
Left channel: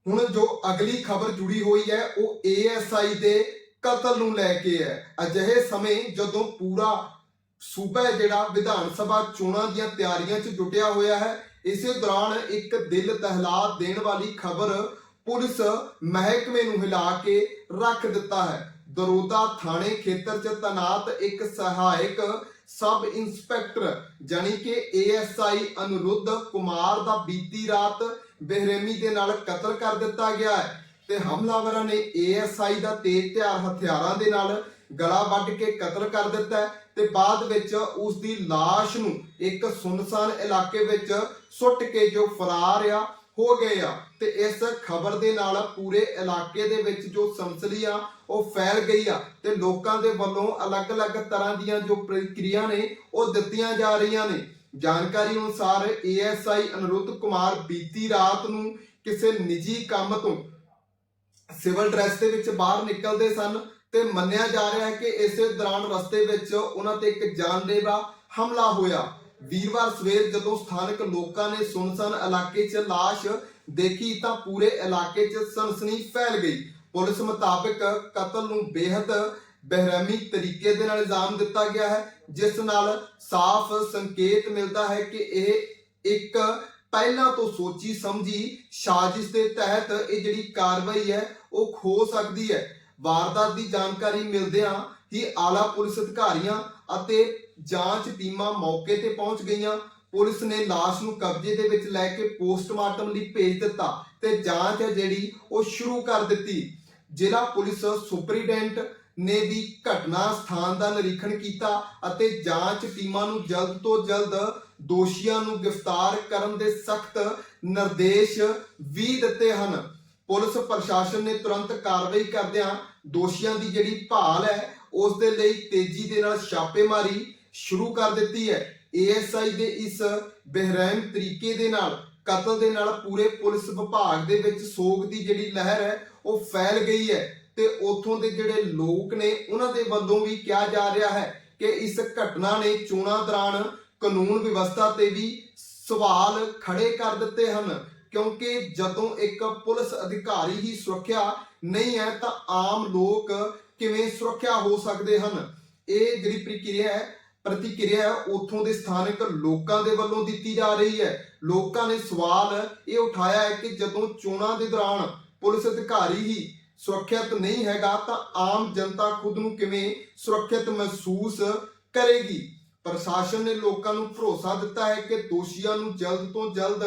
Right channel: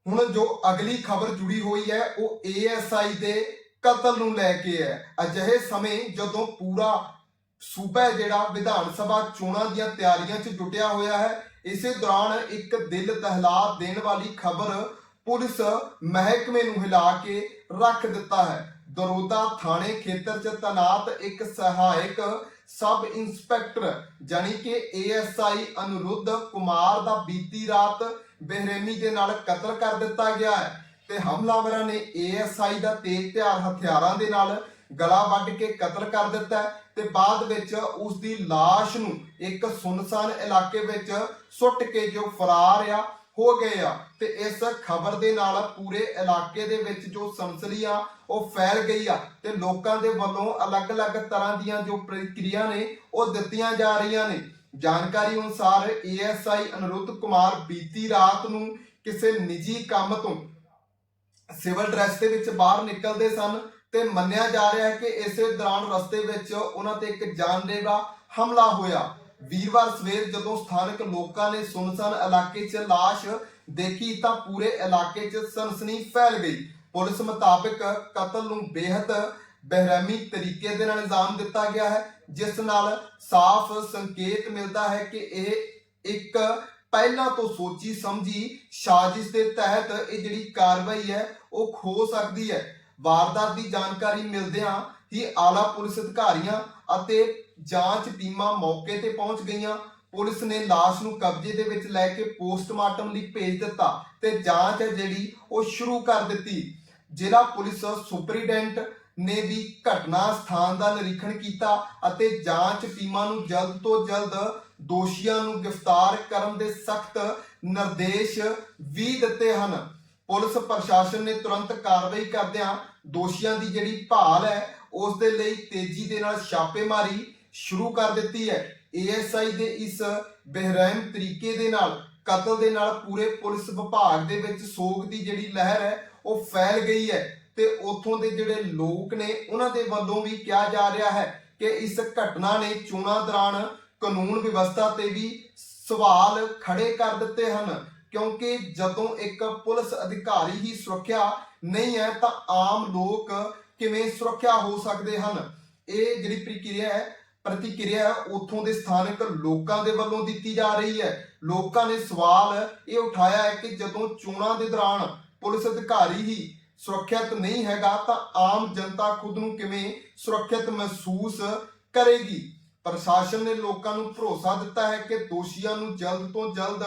ਹੁਣ ਜੋ ਅਗਲੀ ਖਬਰ ਜੁੜੀ ਹੋਈ ਹੈ, ਉਹ ਏਐਸਆਈ ਦੇ ਕਤਲ ਨੂੰ ਲੈ ਕੇ ਹੈ। ਅਜਿਹੇ ਸਮੇਂ ਜਦੋਂ ਪੂਰਾ ਸੂਬਾ ਜਿਹੜਾ ਵਿਧਾਨ ਸਭਾ ਚੋਣਾਂ ਦੀਆਂ ਤਿਆਰੀਆਂ 'ਚ ਜੁਟਿਆ ਹੋਇਆ ਹੈ। ਇਸੇ ਦੌਰਾਨ ਇੱਕ ਦਿਲ ਦਹਿਲਾ ਦੇਣ ਵਾਲੀ ਖਬਰ ਪੁਲਿਸ ਮਹਿਕਮੇ ਨੂੰ ਹਿਲਾ ਕੇ ਰੱਖ ਦਿੱਤਾ ਹੈ। ਦਰੋਦਾ ਥਾਣੇ ਖੇਤਰ 'ਚ ਤਨਾਤ ਇੱਕ ਸਹਾਇਕ ਸਬ ਇੰਸਪੈਕਟਰ ਜਾਨੀ ਕਿ ਏਐਸਆਈ ਅਨੁਰੁੱਧ ਕੁਮਾਰ ਦਾ ਬੀਤੀ ਰਾਤ ਬੇਰਹਿਮੀ ਦੇ ਨਾਲ ਕਤਲ ਕਰ ਦਿੱਤਾ ਗਿਆ ਹੈ ਤੇ ਹਮਲਾਵਰਾਂ ਨੇ ਏਐਸਆਈ ਦਾ ਤੇਜ਼ ਧਾਰ ਹਥਿਆਰਾਂ ਦੇ ਨਾਲ ਗਲਾ ਵੱਢ ਕੇ ਕਤਲ ਕਰ ਦਿੱਤਾ ਤੇ ਬਾਅਦ ਵਿੱਚ ਉਸ ਦੀ ਲਾਸ਼ ਨੂੰ ਇੱਕ ਸੁਨਸਾਨ ਇਲਾਕੇ ਵਿੱਚ ਸੁੱਟ ਕੇ ਜੋ ਫਰਾਰ ਆ, ਹੋ ਗਏ ਆ ਤੇ ਇਸ ਖਬਰ ਦੇ ਨਾਲ ਪੂਰੇ ਇਲਾਕੇ ਦੇ ਵਿੱਚ ਜੋ ਸਨਸਨੀ ਆ, ਉਹ ਫੈਲ ਗਈ ਆ ਤੇ ਲੋਕਾਂ ਦੇ ਵੱਲੋਂ ਅਲੱਗ-ਅਲੱਗ ਤਰ੍ਹਾਂ ਦੀਆਂ ਜੋ ਪ੍ਰਕਿਰਿਆ ਨੇ, ਉਹ ਦਿੱਤੀਆਂ ਜਾ ਰਹੀਆਂ ਨੇ। ਜਾਣਕਾਰੀ ਅਨੁਸਾਰ ਏਐਸਆਈ ਅਨਰੁੱਧ ਕੁਮਾਰ ਬੀਤੀ ਰਾਤ ਨੂੰ ਕਿਸੇ ਨਿੱਜੀ ਕੰਮ ਤੋਂ ਸਿਵਲ ਡਰੈਸ ਦੇ ਵਿੱਚ ਬਾਹਰ ਨਿਕਲਦੇ ਸਨ ਤੇ ਮੰਨਿਆ ਜਾ ਰਿਹਾ ਹੈ ਕਿ ਇਸੇ ਦੌਰਾਨ ਰਸਤੇ ਵਿੱਚ ਉਹਨਾਂ ਤੇ ਇੱਕ ਜਾਨਲੇਵਾ ਹਮਲਾ ਹੋਇਆ। ਵੀਰਵਾਰ ਸਵੇਰ ਜਦੋਂ ਸਥਾਨਕ ਲੋਕਾਂ ਨੇ ਸੁਨਸਾਨ ਇਲਾਕੇ 'ਚ ਲਾਸ਼ ਦੇਖੀ ਤਾਂ ਪੂਰੇ ਇਲਾਕੇ 'ਚ ਸਨਸਨੀ ਫੈਲ ਗਈ। ਪੁਲਿਸ ਮੁਤਾਬਕ ਕਤਲ ਨੂੰ ਬੇहद ਬੇਰਹਿਮੀ ਤਰੀਕੇ ਦੇ ਨਾਲ ਇਲਜ਼ਾਮ ਦਿੱਤਾ ਗਿਆ ਹੈ, ਜਿਸ ਨਾਲ ਸਾਫ਼ ਸੰਕੇਤ ਮਿਲਦਾ ਹੈ ਕਿ ਇਹ ਇੱਕ ਪਹਿਲਾਂ ਤੋਂ ਸੋਚੀ ਸਮਝੀ ਸਾਜ਼ਿਸ਼ ਦੇ ਤਹਿਤ ਇਹ ਜਿਹੜੀ ਕਾਰਵਾਈ ਹੈ, ਉਹ ਖੋ ਸਕਦੀ ਹੈ। ਵਾਰਦਾਤ ਦੀ ਜਾਣਕਾਰੀ ਮਿਲਦਿਆਂ ਹੀ ਆਲਾ ਪੁਲਿਸ ਅਧਿਕਾਰੀਆਂ ਅਤੇ ਜਾਂਚ ਟੀਮਾਂ ਮੌਕੇ ਤੇ ਪਹੁੰਚ ਗਈਆਂ। ਪੁਲਿਸ ਨੇ ਲਾਸ਼ ਨੂੰ ਕਬਜ਼ੇ ਦੇ ਵਿੱਚ ਲੈ ਕੇ ਪੋਸਟਮਾਰਟਮ ਲਈ ਭੇਜ ਦਿੱਤਾ ਤੇ ਜਾਂਚ ਹੈ ਜਿਹੜੀ ਉਹ ਸ਼ੁਰੂ ਕਰ ਦਿੱਤੀ। ਜ਼ਿਲ੍ਹਾ ਪੁਲਿਸ ਸੁਪਰੀਡੈਂਟ ਨੇ ਵੀ ਘਟਨਾ ਸਥਾਨ ਦਾ ਨਿਰੀਖਣ ਕੀਤਾ ਅਤੇ ਜਾਂਚ ਟੀਮਾਂ ਨੂੰ ਜਲਦ ਤੋਂ ਜਲਦ ਦੋਸ਼ੀਆਂ ਨੂੰ ਗ੍ਰਿਫਤਾਰ ਕਰਨ ਦੇ ਸਖਤ ਨਿਰਦੇਸ਼ ਵੀ ਦਿੱਤੇ ਹਨ। ਪੁਲਿਸ ਪ੍ਰਸ਼ਾਸਨ ਨੇ ਤੁਰੰਤ ਕਾਰਵਾਈ ਕਰਦਿਆਂ ਦੋਸ਼ੀਆਂ ਦੀ ਜਿਹੜੀ ਭਾਲ ਹੈ, ਉਸ ਦੇ ਲਈ ਤੇਜ਼ੀ ਦੇ ਨਾਲ ਛਾਪੇਮਾਰੀ ਸ਼ੁਰੂ ਕਰ ਦਿੱਤੀ ਹੈ। ਏਐਸਆਈ ਦੇ ਇਸ ਬਹਿਰਮ ਤਰੀਕੇ ਦੇ ਨਾਲ, ਕਤਲ ਦੇ ਨਾਲ ਪੂਰੇ ਪੁਲਿਸ ਵਿਭਾਗ ਦੇ ਵਿੱਚ ਸੋਗ ਦੀ ਜਿਹੜੀ ਲਹਿਰ ਹੈ, ਉਹ ਫੈਲ ਗਈ ਹੈ ਤੇ ਉਥੋਂ ਦੇ ਜਿਹੜੇ ਲੋਕ ਨੇ, ਉਹਨਾਂ ਦੇ ਵੱਲੋਂ ਵੀ ਕਿਹਾ ਜਾ ਰਿਹਾ ਹੈ ਕਿ ਇਸ ਘਟਨਾ ਨੇ ਚੋਣਾਂ ਦੌਰਾਨ ਕਾਨੂੰਨ ਵਿਵਸਥਾ ਤੇ ਵੀ ਸਵਾਲ ਖੜੇ ਕਰ ਦਿੱਤੇ ਹਨ, ਕਿਉਂਕਿ ਜਦੋਂ ਇੱਕ ਪੁਲਿਸ ਅਧਿਕਾਰੀ ਹੀ ਸੁਰੱਖਿਆ ਨਹੀਂ ਹੈ ਤਾਂ ਆਮ ਲੋਕ ਕਿਵੇਂ ਸੁਰੱਖਿਆ ਹੋ ਸਕਦੇ ਹਨ? ਇਹ ਜਿਹੜੀ ਪ੍ਰਕਿਰਿਆ ਹੈ, ਪ੍ਰਤੀਕਿਰਿਆ ਉਥੋਂ ਦੇ ਸਥਾਨਕ ਲੋਕਾਂ ਦੇ ਵੱਲੋਂ ਦਿੱਤੀ ਜਾ ਰਹੀ ਹੈ। ਲੋਕਾਂ ਨੇ ਸਵਾਲ ਇਹ ਉਠਾਇਆ ਹੈ ਕਿ ਜਦੋਂ ਚੋਣਾਂ ਦੇ ਦੌਰਾਨ ਪੁਲਿਸ ਅਧਿਕਾਰੀ ਹੀ ਸੁਰੱਖਿਅਤ ਨਹੀਂ ਹੈਗਾ ਤਾਂ ਆਮ ਜਨਤਾ ਖੁਦ ਨੂੰ ਕਿਵੇਂ ਸੁਰੱਖਿਅਤ ਮਹਿਸੂਸ ਕਰੇਗੀ? ਪ੍ਰਸ਼ਾਸਨ ਨੇ ਲੋਕਾਂ ਨੂੰ ਭਰੋਸਾ ਦਿੱਤਾ ਹੈ ਕਿ ਦੋਸ਼ੀਆਂ ਨੂੰ ਜਲਦ ਤੋਂ ਜਲਦ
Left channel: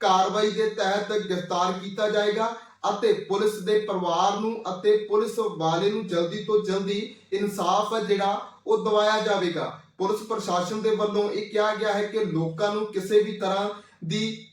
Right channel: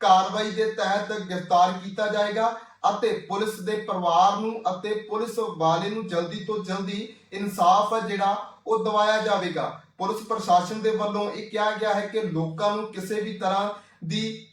ਕਾਰਵਾਈ ਦੇ ਤਹਿਤ ਗ੍ਰਿਫਤਾਰ ਕੀਤਾ ਜਾਏਗਾ। ਅਤੇ ਪੁਲਿਸ ਦੇ ਪਰਿਵਾਰ ਨੂੰ ਅਤੇ ਪੁਲਿਸ ਵਾਲੇ ਨੂੰ ਜਲਦੀ ਤੋਂ ਜਲਦੀ ਇਨਸਾਫ ਜਿਹੜਾ ਉਹ ਦਿਵਾਇਆ ਜਾਵੇਗਾ। ਪੁਲਿਸ ਪ੍ਰਸ਼ਾਸਨ ਦੇ ਵੱਲੋਂ ਇਹ ਕਿਹਾ ਗਿਆ ਹੈ ਕਿ ਲੋਕਾਂ ਨੂੰ ਕਿਸੇ ਵੀ ਤਰ੍ਹਾਂ ਦੀ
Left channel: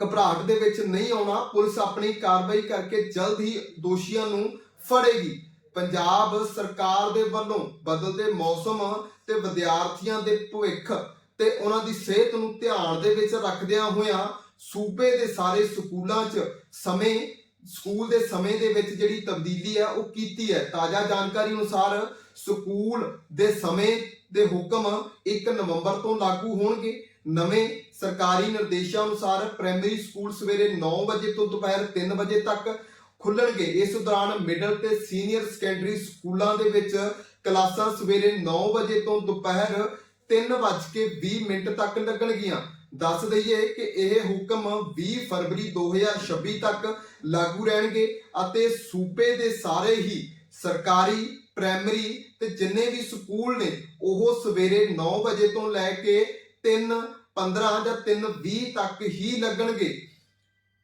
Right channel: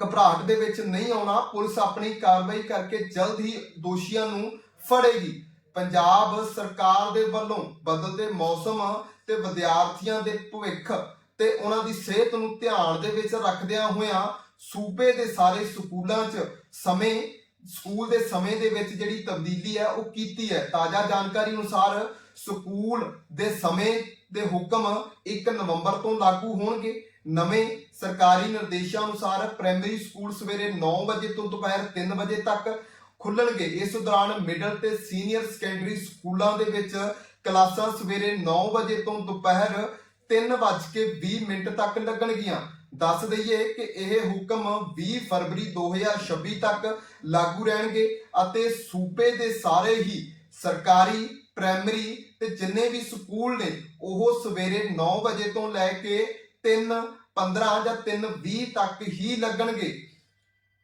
ਘਬਰਾਹਟ ਦੇ ਵਿੱਚ ਨਹੀਂ ਆਉਣਾ, ਪੁਲਿਸ ਆਪਣੀ ਕਾਰਵਾਈ ਕਰਕੇ ਜਲਦ ਹੀ ਦੋਸ਼ੀਆਂ ਨੂੰ ਫੜੇਗੀ। ਪੰਜਾਬ ਸਰਕਾਰ ਦੇ ਵੱਲੋਂ ਬਦਲਦੇ ਮੌਸਮ ਤੇ ਵਿਦਿਆਰਥੀਆਂ ਦੇ ਭਵਿੱਖ ਤੇ ਉਹਨਾਂ ਦੀ ਸਿਹਤ ਨੂੰ ਧਿਆਨ ਦੇ ਵਿੱਚ ਰੱਖਦਿਆਂ ਹੋਇਆਂ ਸੂਬੇ ਦੇ ਸਾਰੇ ਸਕੂਲਾਂ 'ਚ ਸਮੇਂ, ਸਕੂਲ ਦੇ ਸਮੇਂ ਦੇ ਵਿੱਚ ਜਿਹੜੀ ਤਬਦੀਲੀ ਹੈ, ਉਹ ਕੀਤੀ ਹੈ। ਤਾਜ਼ਾ ਜਾਣਕਾਰੀ ਅਨੁਸਾਰ ਸਕੂਲ ਦੇ ਸਮੇਂ ਦੇ ਹੁਕਮ 1 ਨਵੰਬਰ ਤੋਂ ਲਾਗੂ ਹੋਣਗੇ। ਨਵੇਂ ਸਰਕਾਰੀ ਨਿਰਦੇਸ਼ਾਂ ਅਨੁਸਾਰ ਪ੍ਰਾਇਮਰੀ ਸਕੂਲ ਸਵੇਰੇ 9 ਵਜੇ ਤੋਂ ਦੁਪਹਿਰ 3 ਵਜੇ ਤੱਕ ਖੁੱਲਣਗੇ। ਇਸ ਦੌਰਾਨ ਮਿਡਲ ਤੇ ਸੀਨੀਅਰ ਸੈਕੰਡਰੀ ਸਕੂਲਾਂ ਦੇ ਵਿੱਚ ਕਲਾਸਾਂ ਸਵੇਰੇ 9 ਵਜੇ ਤੋਂ ਦੁਪਹਿਰ 3:20 ਮਿੰਟ ਤੱਕ ਲੱਗਣਗੀਆਂ। ਦੱਸ ਦਈਏ ਕਿ ਇਹ ਹੁਕਮ 20 ਫਰਵਰੀ 2026 ਤੱਕ ਲਾਗੂ ਰਹਿਣਗੇ ਅਤੇ ਸੂਬੇ ਦੇ ਸਾਰੇ ਹੀ ਸਰਕਾਰੀ, ਪ੍ਰਾਇਮਰੀ ਤੇ ਜਿੰਨੇ ਵੀ ਸਕੂਲ ਨੇ, ਉਹ ਸਵੇਰੇ 9 ਵਜੇ ਤੋਂ ਲੈ ਕੇ 3:15 ਜਾਂ 3:20 ਤੱਕ ਹੀ ਲੱਗਣਗੇ।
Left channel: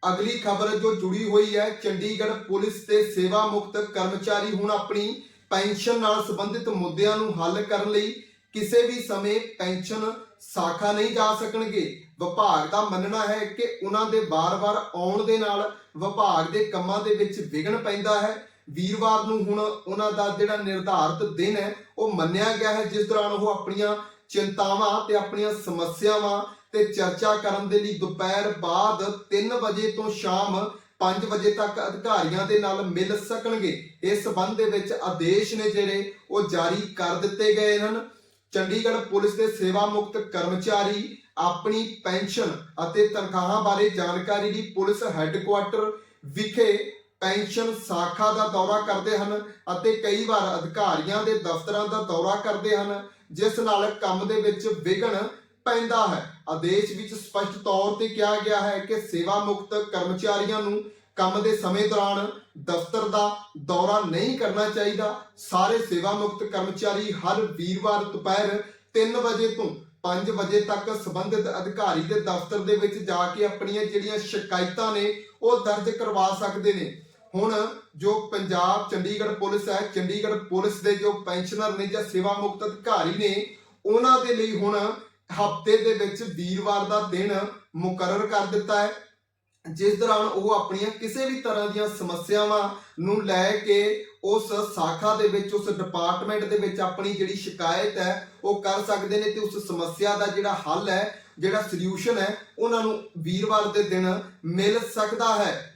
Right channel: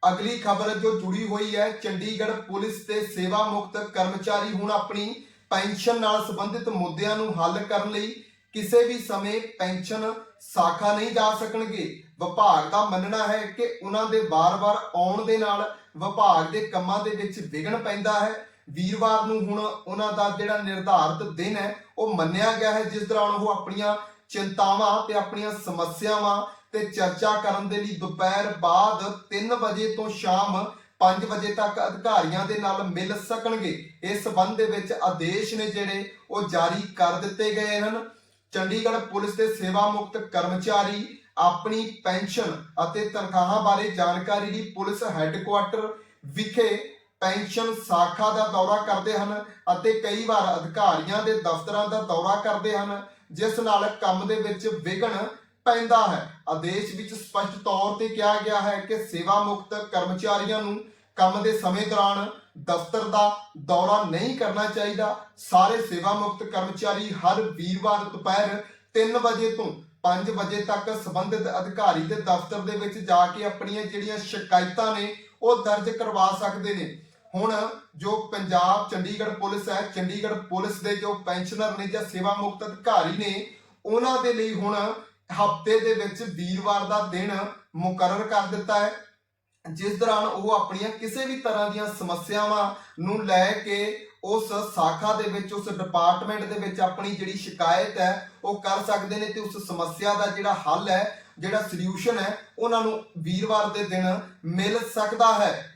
ਅਗਲੀ ਖਬਰ ਜੋ ਜੁੜੀ ਹੋਈ ਹੈ, ਚੰਡੀਗੜ੍ਹ ਪੁਲਿਸ ਦੇ ਸੇਵਾ ਮੁਕਤ ਕਰਮਚਾਰੀ ਹੁਣ ਆਪਣੀ ਪੈਨਸ਼ਨ ਨਾਲ ਸੰਬੰਧਿਤ ਮੁੱਦਿਆਂ ਨੂੰ ਹੱਲ ਕਰਨ ਲਈ ਕਿਸੇ ਵੀ ਸਮੇਂ ਪੈਨਸ਼ਨ ਸਾਖਾ ਨਹੀਂ ਜਾ ਸਕਣਗੇ। ਵਿਭਾਗ ਦਾ ਮੰਨਣਾ ਹੈ ਕਿ ਉਹਨਾਂ ਦੇ ਵਾਰ-ਵਾਰ ਆਉਣ ਦੇ ਨਾਲ ਵਿਭਾਗ ਦੇ ਕੰਮਾਂ ਦੇ ਵਿੱਚ ਵਿਘਨ ਪੈਂਦਾ ਹੈ। ਵੀਰਵਾਰ ਨੂੰ ਹੁਣ ਉਹਨਾਂ ਦਾ ਜਿਹੜਾ ਨਿਰਧਾਰਤ ਦਿਨ ਹੈ, ਉਹ ਮੰਨਿਆ ਗਿਆ ਹੈ, ਜਿਸ ਦੌਰਾਨ ਉਹ ਆਪਣੀਆਂ ਚਿੰਤਾਵਾਂ ਤੇ ਆਪਣੀਆਂ ਸਮੱਸਿਆਵਾਂ ਤੇ ਚਰਚਾ ਕਰਨ ਦੇ ਲਈ ਦੁਪਹਿਰ ਬਾਅਦ 3 ਵਜੇ ਤੋਂ ਸ਼ਾਮ 5 ਵਜੇ ਤੱਕ ਅਧਿਕਾਰੀਆਂ ਦੇ ਨਾਲ ਮਿਲ ਸਕਣਗੇ। ਇਸ ਸਬੰਧ ਦੇ ਵਿੱਚ ਆਦੇਸ਼ ਨੇ ਜਿਹੜੇ ਉਹ ਜਾਰੀ ਕਰ ਦਿੱਤੇ ਗਏ ਹਨ। ਚੰਡੀਗੜ੍ਹ ਪੁਲਿਸ ਦੇ ਸੇਵਾ ਮੁਕਤ ਕਰਮਚਾਰੀ ਆਪਣੀ ਪੈਨਸ਼ਨ ਅਤੇ ਤਨਖਾਹਾਂ ਬਾਰੇ ਜਾਣਕਾਰੀ ਲਈ ਪੁਲਿਸ ਹੈੱਡਕੁਆਟਰ ਵਿਖੇ ਪੈਨਸ਼ਨ ਸਾਖਾ ਦਾ ਦੌਰਾ ਕਰਦੇ ਹਨ ਅਤੇ ਕਈ ਵਾਰ ਅਧਿਕਾਰੀਆਂ ਦੇ ਦਫ਼ਤਰਾਂ ਦਾ ਦੌਰਾ ਕਰਦੇ ਹਨ, ਜਿਸ ਨਾਲ ਕੰਮ ਦੇ ਵਿੱਚ ਵਿਘਨ ਪੈਂਦਾ ਹੈ। ਆਦੇਸ਼ ਵਿੱਚ ਸਪਸ਼ਟ ਤੌਰ ਤੇ ਕਿਹਾ ਗਿਆ ਹੈ ਕਿ ਸੇਵਾ ਮੁਕਤ ਕਰਮਚਾਰੀਆਂ ਨੂੰ ਕੰਮ ਦੇ ਸਮੇਂ ਦੌਰਾਨ ਦਫ਼ਤਰ ਦਾ ਦੌਰਾ ਨਹੀਂ ਕਰਨਾ ਚਾਹੀਦਾ। ਸਾਰੇ ਸੇਵਾ ਮੁਕਤ ਕਰਮਚਾਰੀ ਹਰ ਵੀਰਵਾਰ ਦੁਪਹਿਰ 3 ਵਜੇ ਤੋਂ 5 ਵਜੇ ਤੱਕ ਸੰਬੰਧਿਤ ਅਧਿਕਾਰੀ ਦੇ ਦਫ਼ਤਰ ਦੇ ਵਿੱਚ ਜਾ ਕੇ ਆਪਣੀਆਂ ਜਿਹੜੀਆਂ ਸ਼ਿਕਾਇਤਾਂ ਨੇ, ਉਹ ਦਰਜ ਕਰਵਾ ਸਕਦੇ ਨੇ। ਹੁਣ ਜੋ ਪੰਜਾਬ ਚੰਡੀਗੜ੍ਹ ਪੁਲਿਸ ਹੈ, ਚੰਡੀਗੜ੍ਹ ਪੁਲਿਸ ਦੇ ਜੋ ਪੈਨਸ਼ਨਰ ਨੇ ਜਾਂ ਸੇਵਾ ਮੁਕਤ ਅਧਿਕਾਰੀ ਨੇ, ਉਹਨਾਂ ਦੇ ਲਈ ਹੁਣ ਹਫ਼ਤੇ ਦੇ ਵਿੱਚ ਵੀਰਵਾਰ ਦਾ ਦਿਨ ਮੁਕਰਰ ਕਰ ਦਿੱਤਾ ਹੈ। ਜਿਸ ਦੌਰਾਨ ਉਹ ਆਪਣੀਆਂ ਕਿਸੇ ਵੀ ਤਰ੍ਹਾਂ ਦੀਆਂ ਸਮੱਸਿਆਵਾਂ ਨੂੰ ਲੈ ਕੇ ਉਸ ਸਾਖਾ ਦੇ ਵਿੱਚ, ਉਸ ਡਿਪਾਰਟਮੈਂਟ ਦੇ ਵਿੱਚ ਆਪਣੀ ਜਿਹੜੀ ਸ਼ਿਕਾਇਤ ਹੈ, ਉਹ ਕਰ ਸਕਦੇ ਨੇ ਤੇ ਉਸ ਸਮੱਸਿਆ ਦਾ ਜਿਹੜਾ ਹੱਲ ਹੈ, ਜਿਹੜਾ ਸੋਲੂਸ਼ਨ ਹੈ, ਉਹਨਾਂ ਨੂੰ ਵੀਰਵਾਰ ਦੇ ਦਿਨ ਮਿਲ ਸਕਦਾ ਹੈ।